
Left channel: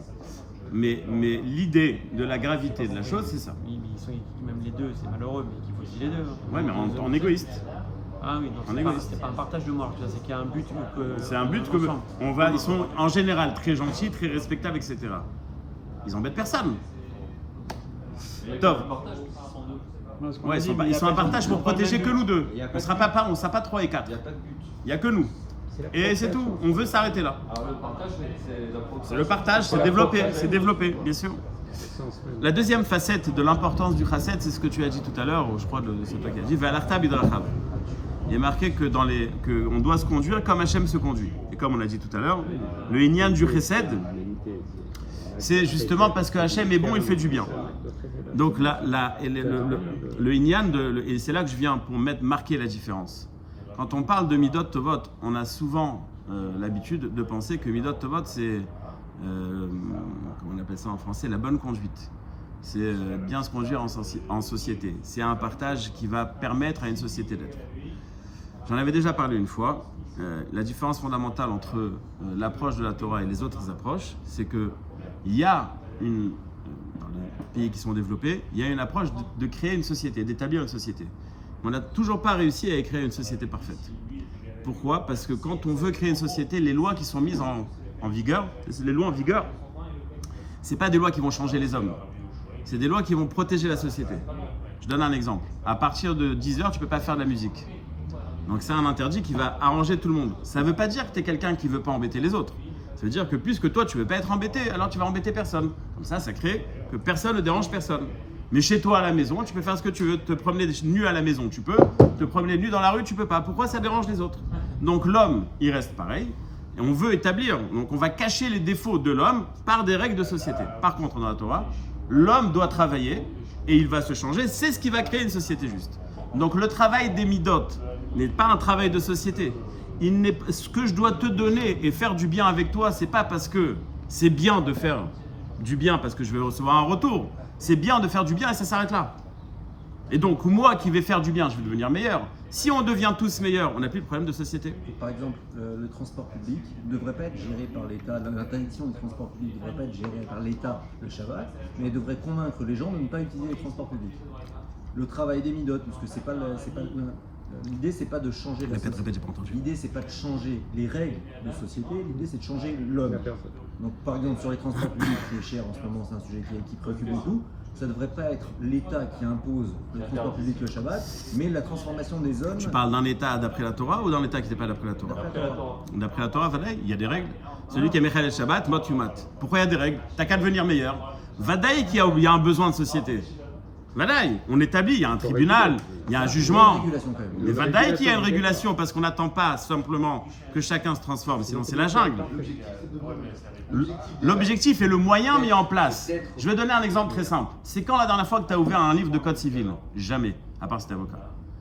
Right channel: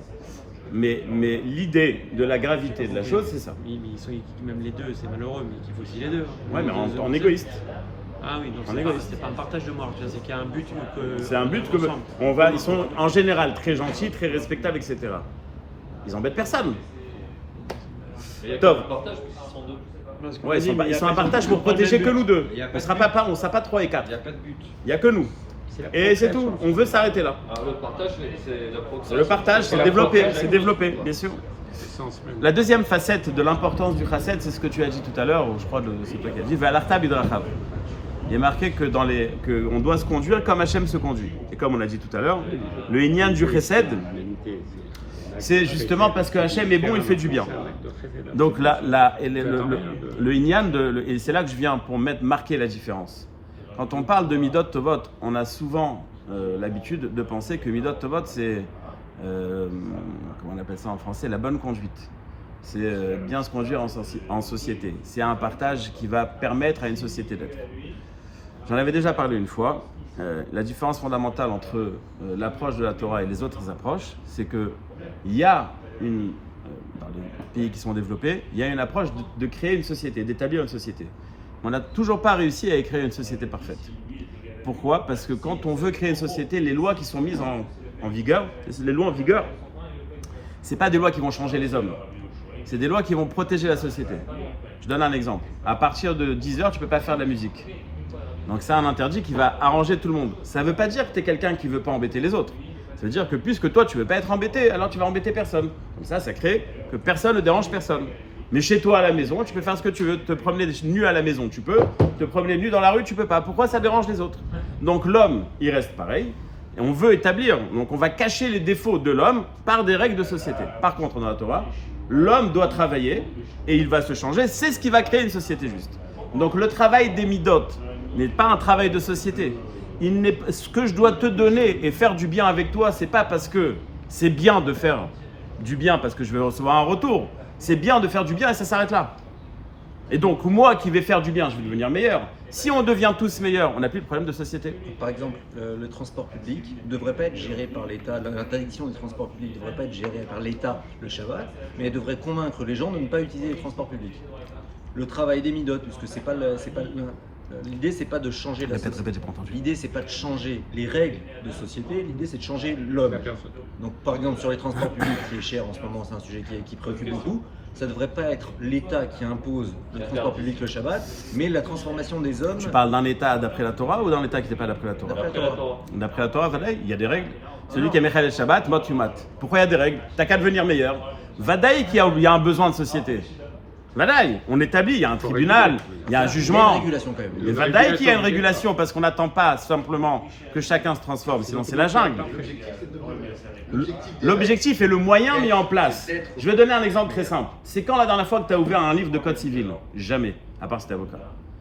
Mais l'idée de la gravité de la chose, c'est ça. Oui, mais même les deux, c'est malheureux, mais qu'il faut aussi les deux. Ouais, mais en égoïste. Ah oui, donc En égoïste. c'est pas un partage de moi, c'est qu'il y a un but. C'est un but que ensemble. ils sont en général très gentils, très respectables, etc. Ils embêtent personne. Top. Parce qu'on Ouais, dit, mais ils sont un partage pour protéger que nous deux. On sera pas 3 et 4. Il n'y a pas de but. Il n'y a que nous. Et c'est tout. On veut s'arrêter là. Le partage, c'est la progression. C'est le partage, c'est développer, bien sûr. La deuxième facette de l'importance du chassid, c'est ce que tu as dit tout à l'heure, ou je crois que c'est toi qui as dit, Ve'alarta bidrachav. Il est marqué que on doit se conduire comme Hachem se conduit. Et comme on l'a dit tout à l'heure, le inyan du chesed, c'est justement parce que Hachem est bon, il fait du bien. Donc le inyan, et c'est là que je viens pour marquer la différence. Quand on parle de Midot Tovot, on a souvent l'habitude de penser que Midot Tovot, c'est comment on appelle ça en français, la bonne conduite. C'est bien se conduire en société. C'est un partage qui va permettre à une société d'être. J'en avais déjà parlé une fois. La différence fondamentale entre l'approche de la Torah et les autres approches, c'est qu'il y a dans les pays qui sont développés, il y a une approche de créer une société, d'établir une société. On n'a toujours pas réussi à créer une société parfaite. Pourquoi? Parce que quand on veut créer une société, les lois qui sont mises en vigueur, les lois en vigueur, c'est pas des lois qui vont changer les hommes. C'est des lois qui vont protéger la société. Je donne un exemple. À partir de 10h, tu ne peux pas faire de la musique. Donc c'est un interdit qui va arranger tout le monde. Ça ne veut pas dire que tu es quelqu'un qui ne veut pas embêter les autres. Ça veut dire que puisque toi, tu ne veux pas être embêté, alors tu vas embêter personne. Comme ça crée que personne ne dérange personne. Mais chez toi à la maison, tu peux faire ce que tu veux. Te promener nu à la maison, tu peux. Te promener nu dans la rue, tu peux pas. Pourquoi ça dérange les autres? Donc l'homme, il reste pareil. Et on veut établir, donc on va cacher les défauts de l'homme par des règles de société. Par contre, dans la Torah, l'homme doit travailler et il va se changer. C'est ce qui va créer une société juste. Donc le travail des midot n'est pas un travail de société. Ce que je dois te donner et faire du bien avec toi, c'est pas parce que c'est bien de faire du bien parce que je vais recevoir un retour. C'est bien de faire du bien et ça s'arrête là. Et donc moi qui vais faire du bien, je vais devenir meilleur. Si on devient tous meilleurs, on n'a plus de problème de société. Par exemple, le transport public ne devrait pas être géré par l'État, l'interdiction des transports publics ne devrait pas être gérée par l'État le Shabbat, mais elle devrait convaincre les gens de ne pas utiliser les transports publics. Le travail des midot, puisque l'idée c'est pas de changer la société. Répète, j'ai pas entendu. L'idée c'est pas de changer les règles de société, l'idée c'est de changer l'homme. Donc par exemple sur les transports publics qui est cher en ce moment, c'est un sujet qui préoccupe beaucoup. Ça ne devrait pas être l'État qui impose le transport public le Shabbat, mais la transformation des hommes. Tu parles d'un État d'après la Torah ou d'un État qui n'est pas d'après la Torah? D'après la Torah. D'après la Torah, Vadaï, il y a des règles. Celui qui est Mechel el Shabbat, mot yumat. Pourquoi il y a des règles? T'as qu'à devenir meilleur. Vadaï, il y a un besoin de société. Vadaï, on établit, il y a un tribunal, il y a un jugement. Il y a une régulation quand même. Mais Vadaï, qu'il y a une régulation parce qu'on n'attend pas simplement que chacun se transforme, sinon c'est la jungle. L'objectif est le moyen mis en place. Je vais donner un exemple très simple. C'est quand la dernière fois que tu as ouvert un livre de code civil? Jamais, à part si tu es avocat.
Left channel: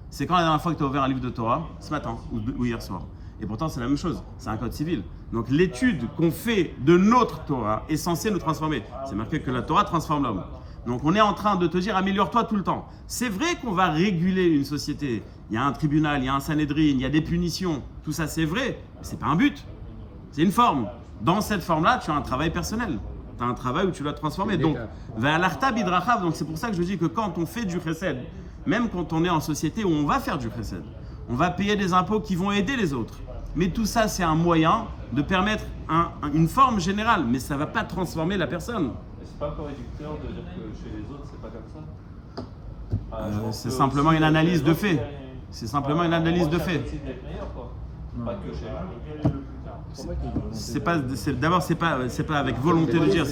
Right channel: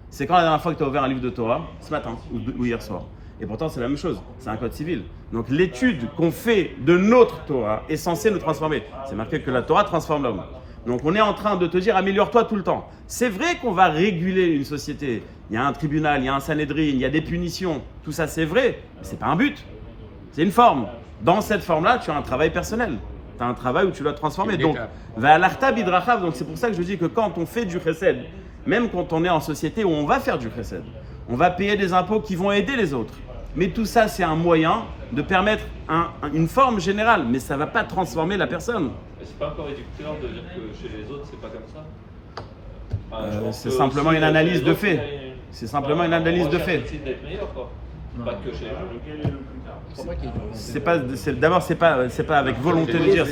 C'est quand la dernière fois que tu as ouvert un livre de Torah? Ce matin ou hier soir. Et pourtant, c'est la même chose. C'est un code civil. Donc l'étude qu'on fait de notre Torah est censée nous transformer. C'est marqué que la Torah transforme l'homme. Donc on est en train de te dire améliore-toi tout le temps. C'est vrai qu'on va réguler une société. Il y a un tribunal, il y a un Sanhedrin, il y a des punitions. Tout ça, c'est vrai. Mais ce n'est pas un but. C'est une forme. Dans cette forme-là, tu as un travail personnel. Tu as un travail où tu dois te transformer. Donc, donc c'est pour ça que je dis que quand on fait du chesed, même quand on est en société où on va faire du chesed, on va payer des impôts qui vont aider les autres. Mais tout ça, c'est un moyen de permettre une forme générale. Mais ça ne va pas transformer la personne. C'est pas un peu réducteur de dire que chez les autres, c'est pas comme ça? C'est simplement une analyse de fait. C'est simplement une analyse de fait. D'être meilleur, quoi. Pas que chez les gens. D'abord, c'est pas avec volonté de dire.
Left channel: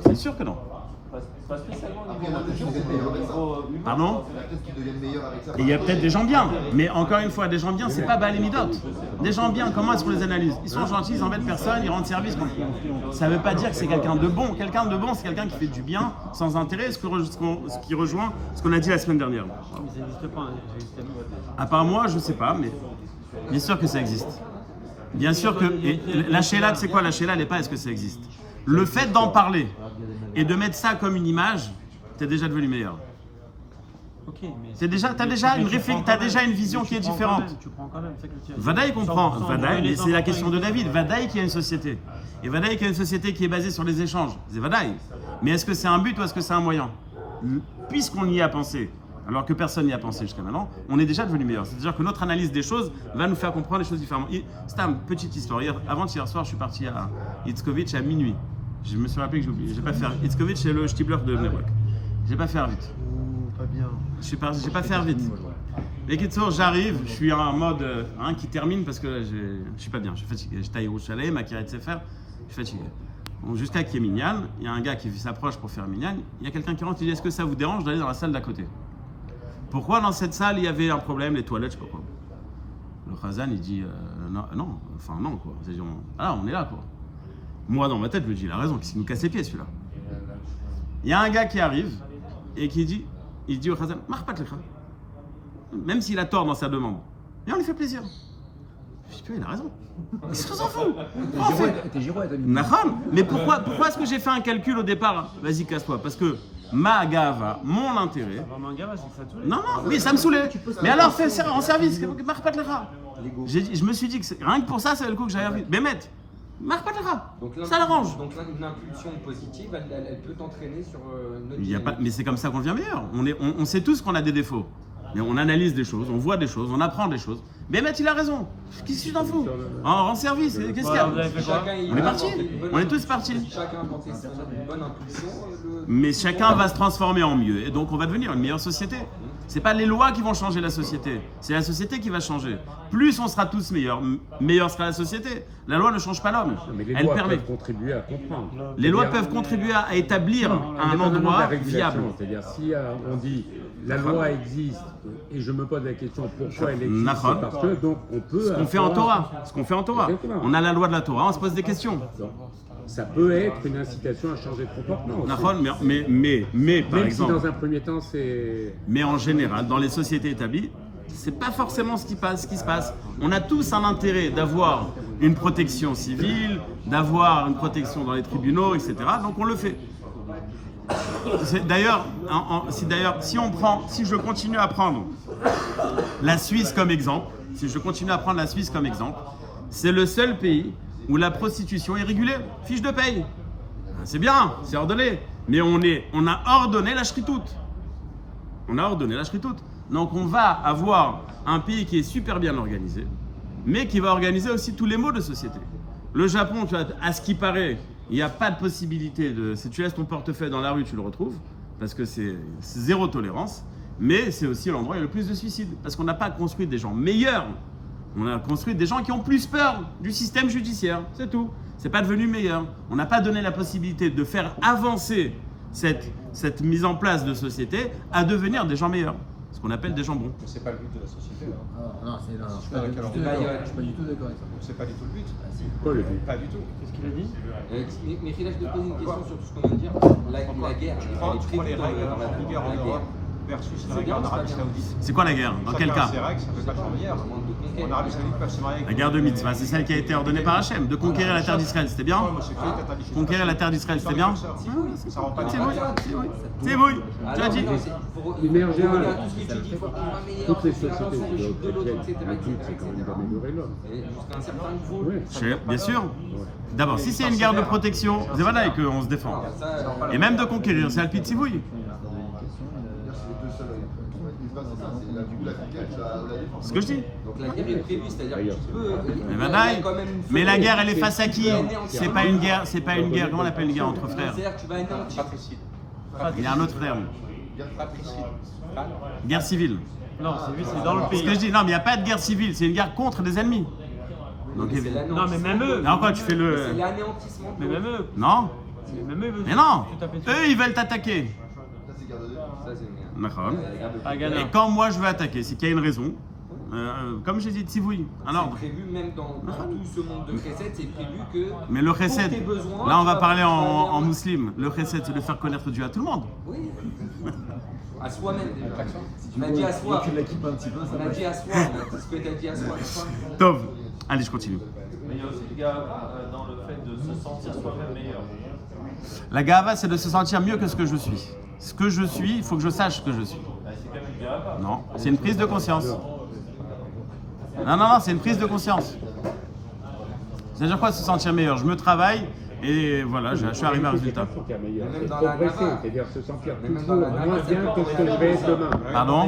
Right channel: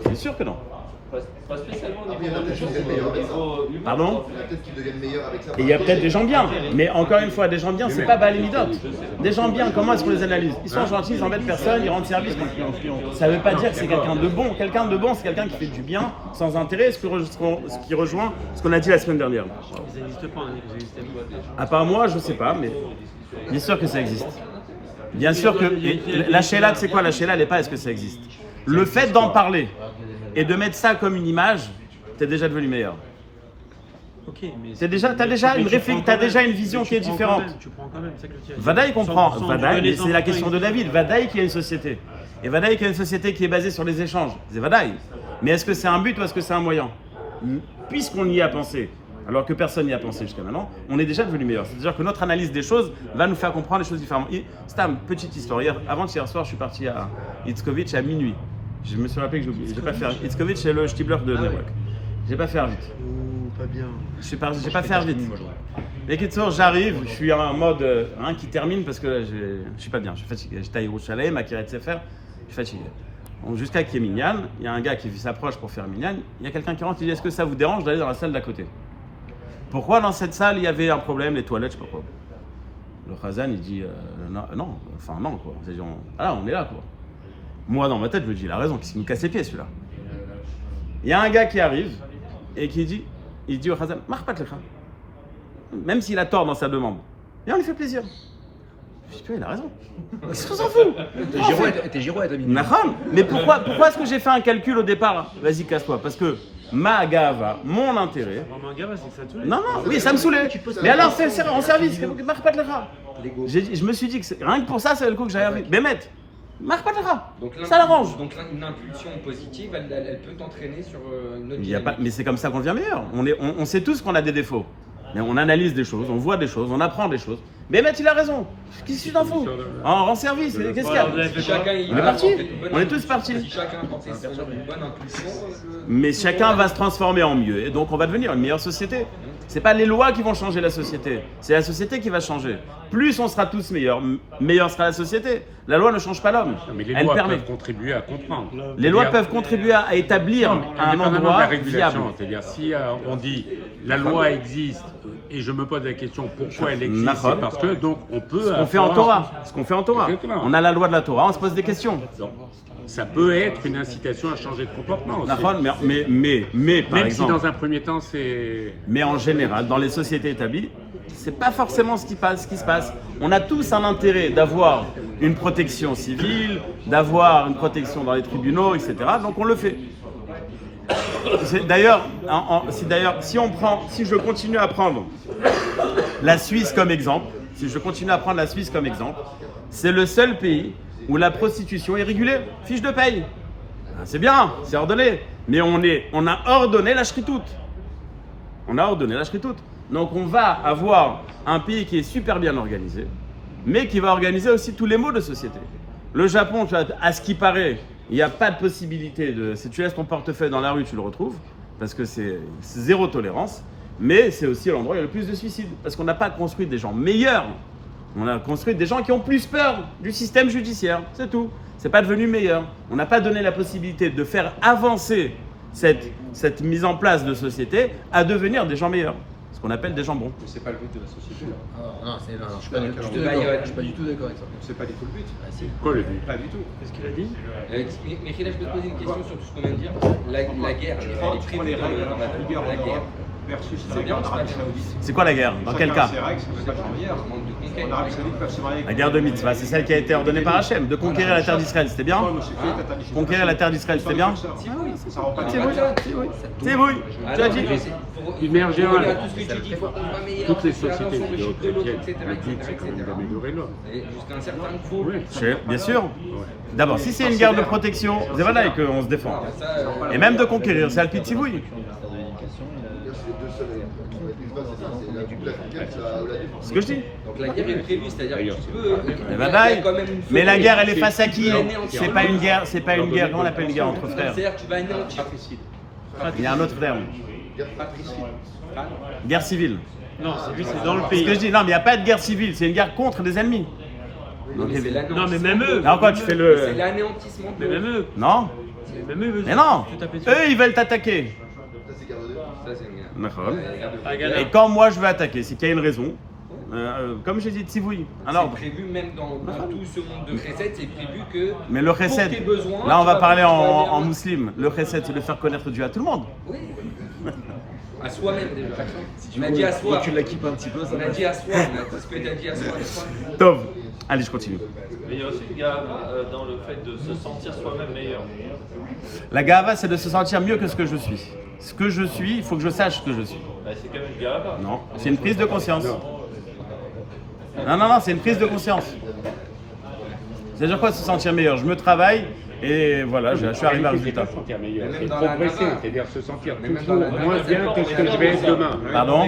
C'est sûr que non. Pas spécialement au niveau humain. Pardon? Peut-être qu'ils deviennent meilleurs avec ça. Et il y a peut-être des gens bien, mais encore une fois, des gens bien, c'est pas Baal Midot. Des gens bien, comment est-ce qu'on les analyse? Ils sont gentils, ils embêtent personne, ils rendent service. Ça veut pas dire que c'est quelqu'un de bon. Quelqu'un de bon, c'est quelqu'un qui fait du bien sans intérêt, ce qui rejoint ce qu'on a dit la semaine dernière. Ils n'existent pas, ils existent pas. À part moi, je sais pas, mais bien sûr que ça existe. Bien sûr que. La Sheila, c'est quoi? La Sheila, elle n'est pas est-ce que ça existe. Le fait d'en parler et de mettre ça comme une image, t'es déjà devenu meilleur. Ok, mais T'as déjà une vision qui est différente. Tu prends quand même, c'est que tu as- Vadaï comprend. Sans Vadaï, donner mais c'est la sans- question de David. Vadaï qui a une société. Et Vadaï qui a une société qui est basée sur les échanges. C'est Vadaï. Mais est-ce que c'est un but ou est-ce que c'est un moyen? Puisqu'on y a pensé, alors que personne n'y a pensé jusqu'à maintenant, on est déjà devenu meilleur. C'est-à-dire que notre analyse des choses va nous faire comprendre les choses différemment. Stam, petite histoire. Avant-hier soir, je suis parti à Itzkovitch à minuit. Je me suis rappelé que j'ai pas fait. Itzkovitch, c'est le Stibler de Nebrak. J'ai pas fait vite. Pas bien. J'ai pas fait vite. Mais Kitsour, j'arrive, je suis en mode qui termine parce que là, je suis pas bien, je suis fatigué. J'étais à Yerushalayim, à Kiryat Sefer, je suis fatigué. Bon, jusqu'à qu'il y ait Minyan, il y a un gars qui s'approche pour faire Minyan, il y a quelqu'un qui rentre, il dit est-ce que ça vous dérange d'aller dans la salle d'à côté? Pourquoi dans cette salle il y avait un problème, les toilettes, je sais pas quoi. Le Khazan il dit non, quoi. On est là quoi. Moi dans ma tête je me dis il a raison, qu'est-ce qu'il nous casse les pieds celui-là? Il y a un gars qui arrive et qui dit au Khazan, marre pas de l'écran. Même s'il a tort dans sa demande. Et on lui fait plaisir. Je dis, putain, il a raison. Qu'est-ce qu'on s'en fout? T'es Girouette, ami. Naham. Mais pourquoi est-ce que j'ai fait un calcul au départ? Vas-y, casse-toi. Parce que ma gava, mon intérêt. Vraiment, gars, c'est ça tous les. Non, oui, ça me saoulait. Mais alors, fais en service. Marche pas de l'era. Je me suis dit que rien que pour ça, c'est le coup que j'avais envie. Mais mec, marche pas de l'era. Ça l'arrange. Donc une impulsion positive, elle peut t'entraîner sur une autre Il y a pas, dynamique. mais c'est comme ça qu'on devient meilleur. On sait tous qu'on a des défauts. Mais on analyse des choses, on voit des choses, on apprend des choses. Mais mec, il a raison. Qu'est-ce que tu t'en fous? Rends service, qu'est-ce qu'il y a? Si chacun On est parti. On est tous partis. Si chacun portait une bonne impulsion, Mais chacun va se transformer en mieux. Et donc, on va devenir une meilleure société. C'est pas les lois qui vont changer la société. C'est la société qui va changer. Plus on sera tous meilleurs, meilleure sera la société. La loi ne change pas l'homme. Mais les Elle lois permet. peuvent contribuer à comprendre. Les lois peuvent contribuer à établir un Indépendamment de endroit la régulation, viable. C'est-à-dire si on dit la loi existe et je me pose la question pourquoi elle existe, Nahon. c'est parce que donc on peut. Ce qu'on fait en Torah. Ce qu'on fait en Torah. Exactement. On a la loi de la Torah, on se pose des questions. Ça peut être une incitation à changer de comportement. aussi. Nahon, mais par Même exemple. si dans un premier temps c'est. Mais en général, dans les sociétés établies, c'est pas forcément ce qui se passe. On a tous un intérêt d'avoir une protection civile, d'avoir une protection dans les tribunaux, etc. Donc on le fait. D'ailleurs, si je continue à prendre la Suisse comme exemple, c'est le seul pays où la prostitution est régulée. Fiche de paye. C'est bien, c'est ordonné. Mais on a ordonné la shritout. Donc on va avoir un pays qui est super bien organisé, mais qui va organiser aussi tous les maux de société. Le Japon, à ce qui paraît, il n'y a pas de possibilité de... Si tu laisses ton portefeuille dans la rue, tu le retrouves, parce que c'est zéro tolérance, mais c'est aussi l'endroit où il y a le plus de suicides, parce qu'on n'a pas construit des gens meilleurs, on a construit des gens qui ont plus peur du système judiciaire, c'est tout. C'est pas devenu meilleur. On n'a pas donné la possibilité de faire avancer cette mise en place de société à devenir des gens meilleurs, ce qu'on appelle des gens bons. C'est pas le but de la société. Non, je suis pas du tout d'accord avec ça. C'est pas du tout le but. Quoi, le but Pas du tout. Qu'est-ce qu'il a dit? Michel, je peux te poser une question sur tout ce qu'on vient de dire. La guerre, les crimes dans la vigueur de la guerre. Versus C'est bien ou c'est pas bien? C'est quoi la guerre? Dans quel cas? C'est vrai que c'est la première. Manque de conquête. L'Arabie Saoudite peut se marier La guerre de Mitzvah, c'est celle qui a été ordonnée par Hachem, de conquérir la terre d'Israël, c'était bien? Conquérir la terre d'Israël, c'était bien? Tibouille, tu as dit? Immerger Tout ce que tu dis, il faut qu'on va meilleur, toutes les faire attention sociétés au chiffre de l'autre, etc. d'améliorer l'homme. Et jusqu'à un certain niveau. Bien sûr. D'abord, si c'est une guerre de protection, c'est voilà qu'on se défend. Ça, Et même de conquérir, c'est Alpi Tibouille. C'est ce que je dis. donc la guerre est prévue, c'est-à-dire que tu peux. Mais bye. Mais la guerre, elle est face à qui? C'est pas une guerre, comment on appelle une guerre entre frères? C'est-à-dire que tu vas anéantir. Il y a un autre terme. Guerre civile. Non, c'est lui, c'est dans le Ce pays. que je dis, non, mais il n'y a pas de guerre civile, c'est une guerre contre des ennemis. Donc, C'est évidemment. Non, mais même eux. Alors quoi, tu fais C'est le... l'anéantissement de Mais même eux. Non? Même eux. Mais non! Tout à fait sûr. Eux, ils veulent t'attaquer. Ça, c'est une guerre. D'accord. Ah, Ghana. Et quand moi je veux attaquer, c'est qu'il y a une raison. Comme j'ai dit, Tzivoui, un C'est ordre. prévu même dans tout ce monde de Chesed, c'est prévu que. Mais le pour chesed, tes besoins, là on tu va vas- parler tu vas en bien- musulman. Le chesed, c'est de faire connaître Dieu à tout le monde. Oui. À soi-même déjà. On a dit à soi. Tu l'équipes un petit peu, ça On a dit à soi. On a dit ce que tu as dit à soi. Tov. Allez, je continue. Mais il y a aussi une gave dans le fait de se sentir soi-même meilleur. La gava, c'est de se sentir mieux que ce que je suis. Ce que je suis, il faut que je sache ce que je suis. Bah, c'est quand même une gave. Non, c'est une prise de conscience. Non, c'est une prise de conscience. C'est-à-dire quoi se sentir meilleur? Je me travaille et voilà, je suis arrivé à un résultat. Se sentir meilleur, Mais c'est même dans la progresser, nana. c'est-à-dire se sentir Mais même dans la nana, moins ça bien dépend que ce que je vais être demain. Pardon?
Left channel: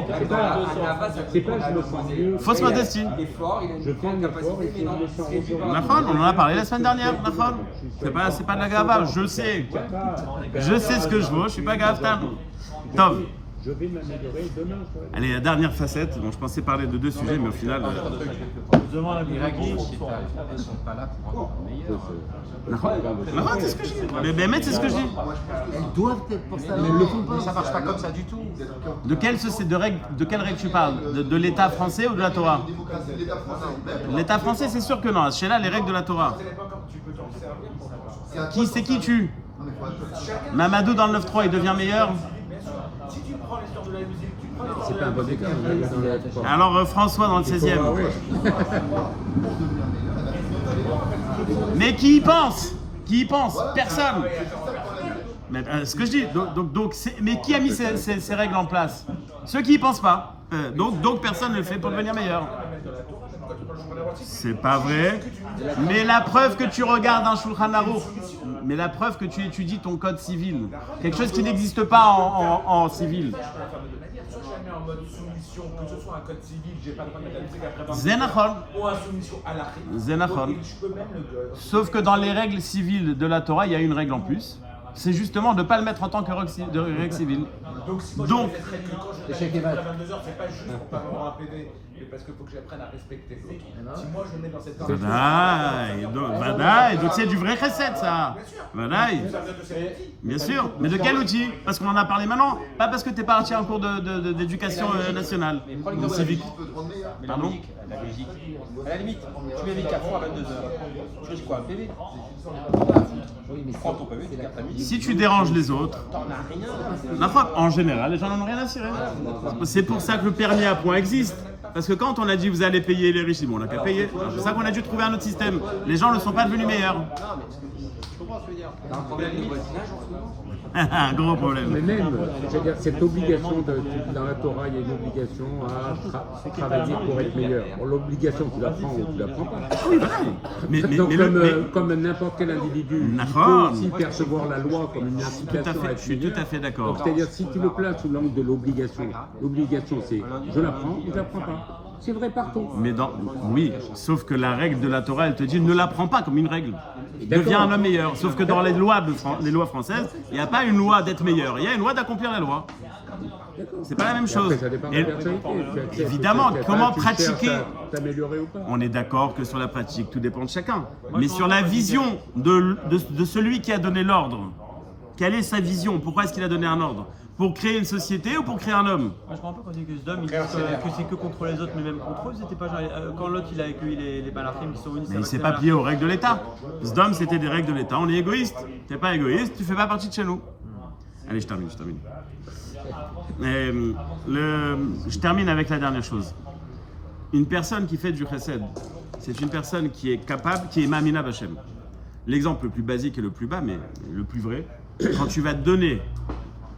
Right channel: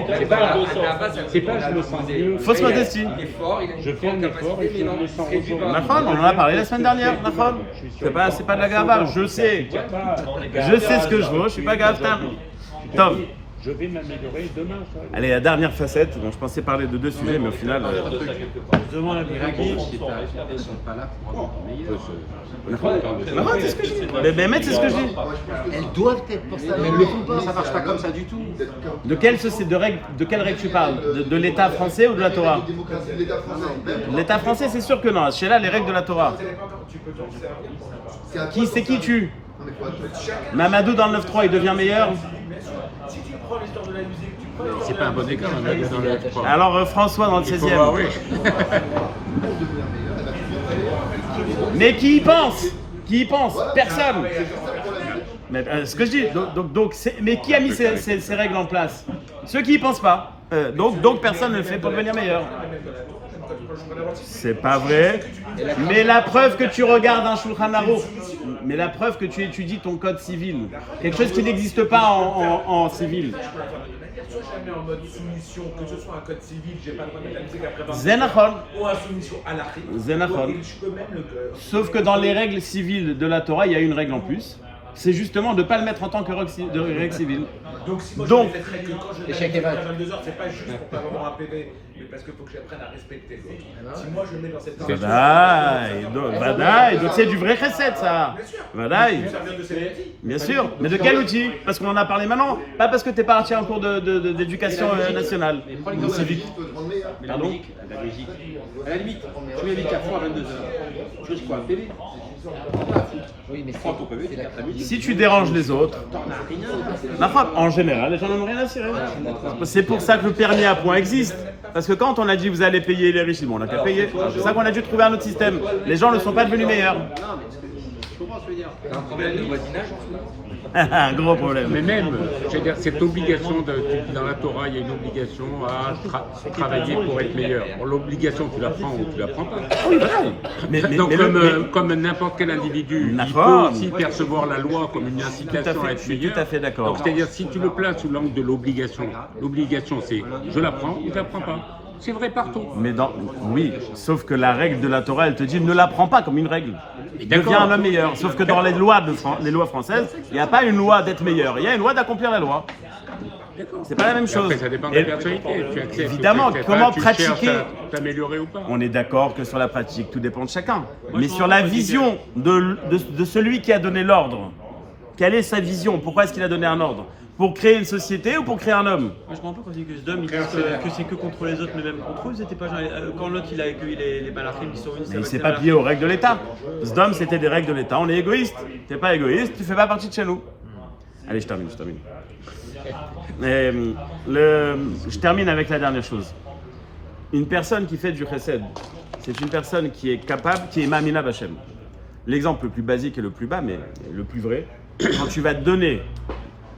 C'est pas je me sens mieux. Fausse modestie. Il est fort, il a Je une fais grande un effort capacité, et mais je non, me il se sens réduit par Nahon, on en a parlé la semaine dernière, Nahon. C'est pas de la gava, je sais. Je sais ce que je vaux, je suis pas gaftan. Tov. Je vais m'améliorer demain. ça. Allez, la dernière facette, dont je pensais parler de deux sujets, mais au final... Demande à Miyagi. Nahon, c'est ce que je dis. Mais Bémet, c'est ce que je dis. Elles doivent être pour ça, mais elles le font pas. Ça marche pas comme ça du tout. De quelle société, de quelle règle tu parles? De l'État français ou de la Torah? L'État français, c'est sûr que non. Chez là, les règles de la Torah. C'est qui tue? Mamadou dans le 9-3, il devient meilleur? C'est pas un bon écran. Alors François dans le 16e. Ah oui. Mais qui y pense? Qui y pense? Personne. Mais ce que je dis, mais qui a mis ces règles en place? Ceux qui y pensent pas. Donc personne ne le fait pour devenir meilleur. C'est pas vrai. Mais la preuve que tu regardes un Shulchan Aruch, mais la preuve que tu étudies ton code civil, quelque chose qui n'existe pas en civil. Jamais en mode soumission, que ce soit un code civil, j'ai pas le droit d'analyser qu'après Zenachon. ou en soumission à l'Afrique. Zenachon. Je peux même le. Sauf que dans les règles civiles de la Torah, il y a une règle en plus. C'est justement de ne pas le mettre en tant que règle civile. Donc, si moi Donc, je mettrais que quand je Échec et à mat. 22 heures, c'est pas juste pour pas avoir un PV, mais parce qu'il faut que j'apprenne à respecter l'autre. Si moi je le mets dans cette Vadaï, donc c'est du vrai recette ça. Vadaï. Bien sûr, mais de quel outil? Parce qu'on en a parlé maintenant, pas parce que t'es parti en cours d'éducation nationale ou civique. Pardon? La logique. À la limite, tu mets les carrefours à 22h. Tu risques quoi, un PV? Oui, mais Prends ton PV, t'es là, t'as mis. Si tu déranges les autres, en général, les gens n'en ont rien à cirer. C'est pour ça que le permis à points existe. Parce que quand on a dit vous allez payer les riches, bon, on n'a qu'à payer. C'est pour ça qu'on a dû trouver un autre système. Les gens ne sont pas devenus meilleurs. Je comprends ce que je veux dire. Il y a un problème de voisinage en ce moment. Un gros problème. Mais même, je veux dire, cette obligation, dans la Torah, il y a une obligation à travailler pour être meilleur. L'obligation, tu la prends ou tu la prends pas. Ah oui, voilà. Donc, Mais comme n'importe quel individu, il D'accord. peut aussi percevoir la loi comme une incitation à être je suis tout meilleur. à fait d'accord. Donc, c'est-à-dire, si tu le places sous l'angle de l'obligation, l'obligation c'est je la prends ou je la prends pas. C'est vrai partout. Mais oui, sauf que la règle de la Torah, elle te dit ne la prends pas comme une règle. D'accord. Deviens un homme meilleur. Sauf que dans les lois françaises, il n'y a pas une loi d'être meilleur. Il y a une loi d'accomplir la loi. C'est pas la même chose. Après, ça dépend de Et- la personnalité. Tu acceptes, évidemment, tu acceptes comment pas, tu pratiquer cherches à t'améliorer ou pas. On est d'accord que sur la pratique, tout dépend de chacun. Mais sur la vision de celui qui a donné l'ordre, quelle est sa vision? Pourquoi est-ce qu'il a donné un ordre? Pour créer une société ou pour créer un homme? Moi, je me rends compte aussi que ce dom, ils disent que c'est que contre les autres, mais même contre eux, ils étaient pas genre, quand l'autre il a accueilli les malachim qui sont venus. Mais il ne s'est pas plié aux règles de l'État. Zdom, c'était des règles de l'État. On est égoïste. Tu n'es pas égoïste, tu ne fais pas partie de chez nous. Allez, je termine. Je termine avec la dernière chose. Une personne qui fait du chesed, c'est une personne qui est capable, qui est Mamina Bachem. L'exemple le plus basique et le plus bas, mais le plus vrai, quand tu vas donner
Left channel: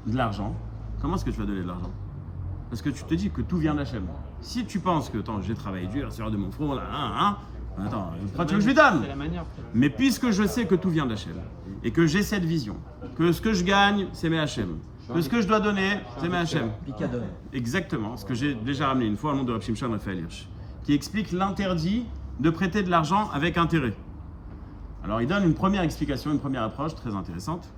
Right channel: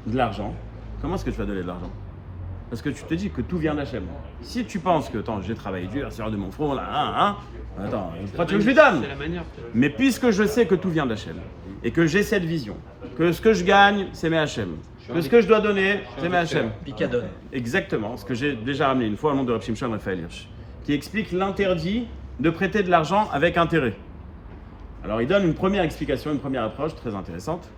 de l'argent, comment est-ce que tu vas donner de l'argent? Parce que tu te dis que tout vient d'Hachem. Si tu penses que, attends, j'ai travaillé dur, sur de mon front, là, attends, pourquoi tu veux que je lui donne? C'est la manière, peut-être. Mais puisque je sais que tout vient d'Hachem, et que j'ai cette vision, que ce que je gagne, c'est mes Hachem, que ce que je dois donner, c'est mes Hachem. Picadone. Exactement, ce que j'ai déjà ramené une fois au nom de Reb Shimshon Raphaël Hirsch, qui explique l'interdit de prêter de l'argent avec intérêt. Alors il donne une première explication, une première approche très intéressante.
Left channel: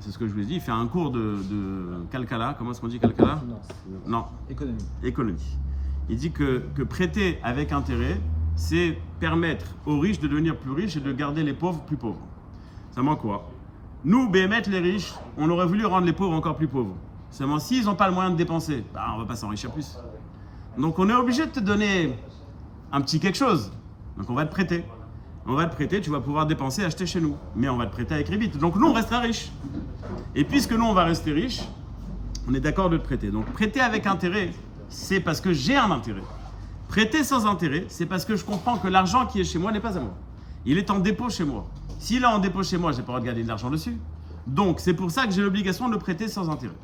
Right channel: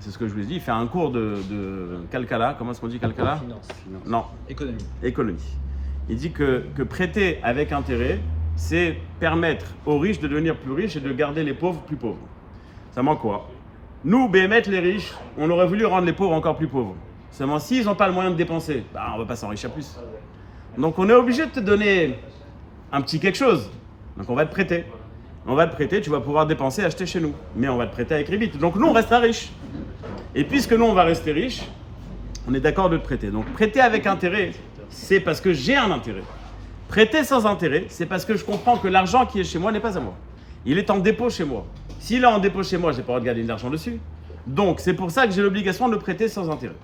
C'est ce que je vous ai dit, il fait un cours de Kalkala. Comment est-ce qu'on dit Kalkala? Non, Économie. économie. Il dit que prêter avec intérêt, c'est permettre aux riches de devenir plus riches et de garder les pauvres plus pauvres. Ça manque quoi? Nous, Béhémet, les riches, on aurait voulu rendre les pauvres encore plus pauvres. Seulement, s'ils n'ont pas le moyen de dépenser, on ne va pas s'enrichir plus. Donc, on est obligé de te donner un petit quelque chose. Donc, on va te prêter. On va te prêter, tu vas pouvoir dépenser, acheter chez nous. Mais on va te prêter avec rébit. Donc, nous, on restera riches. Et puisque nous, on va rester riches, on est d'accord de te prêter. Donc, prêter avec intérêt, c'est parce que j'ai un intérêt. Prêter sans intérêt, c'est parce que je comprends que l'argent qui est chez moi n'est pas à moi. Il est en dépôt chez moi. S'il est en dépôt chez moi, je n'ai pas le droit de garder de l'argent dessus. Donc, c'est pour ça que j'ai l'obligation de le prêter sans intérêt.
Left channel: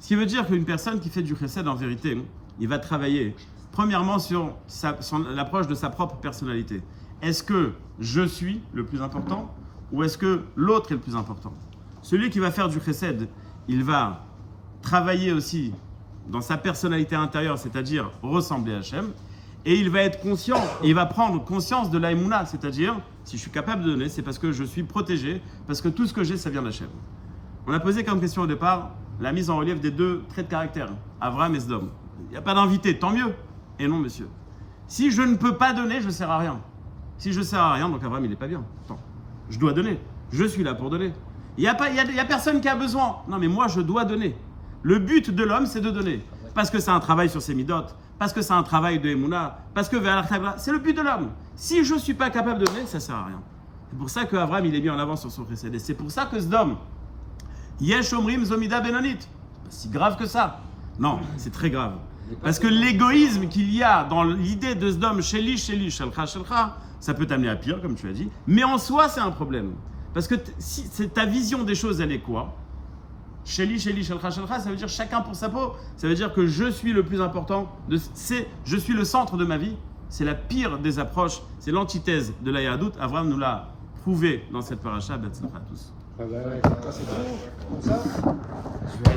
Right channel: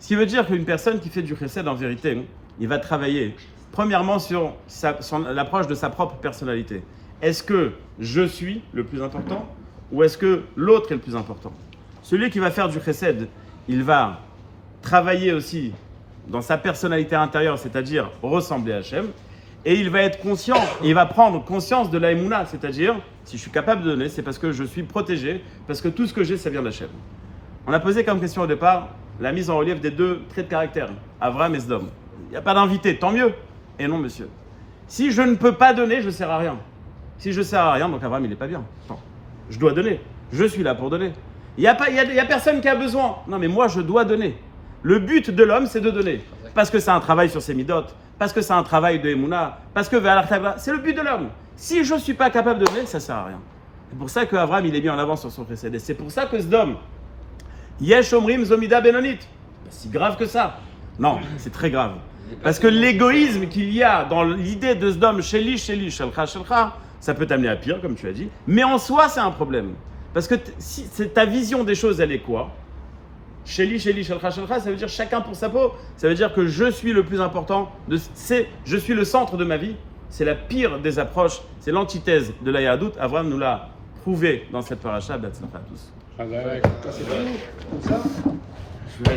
Ce qui veut dire qu'une personne qui fait du chesed, en vérité, il va travailler, premièrement, sur l'approche de sa propre personnalité. Est-ce que je suis le plus important ou est-ce que l'autre est le plus important? Celui qui va faire du chesed, il va travailler aussi dans sa personnalité intérieure, c'est-à-dire ressembler à Hachem, et il va être conscient, et il va prendre conscience de l'aïmouna, c'est-à-dire, si je suis capable de donner, c'est parce que je suis protégé, parce que tout ce que j'ai, ça vient d'Hachem. On a posé comme question au départ la mise en relief des deux traits de caractère, Avram et Sdom. Il n'y a pas d'invité, tant mieux. Et non, monsieur. Si je ne peux pas donner, je ne sers à rien. Si je ne sers à rien, donc Avram, il n'est pas bien. Attends, je dois donner. Je suis là pour donner. Il n'y a personne qui a besoin. Non, mais moi, je dois donner. Le but de l'homme, c'est de donner. Parce que c'est un travail sur ses midotes, parce que c'est un travail de Emouna, parce que c'est le but de l'homme. Si je ne suis pas capable de donner, ça ne sert à rien. C'est pour ça qu'Avram, il est mis en avant sur son précédé. C'est pour ça que Sdom, Yesh Omrim Zomida Benonit. C'est si grave que ça. Non, c'est très grave. Parce que l'égoïsme qu'il y a dans l'idée de Sdom, Sheli, Shelcha, ça peut t'amener à pire, comme tu as dit. Mais en soi, c'est un problème. Parce que si ta vision des choses, elle est quoi? Sheli, Sheli, Shelcha, Shelcha, ça veut dire chacun pour sa peau. Ça veut dire que je suis le plus important, je suis le centre de ma vie. C'est la pire des approches, c'est l'antithèse de la Yahadout. Avraham nous l'a prouvé dans cette paracha. Be'atzlacha à tous.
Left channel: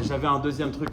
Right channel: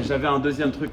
J'avais un deuxième truc.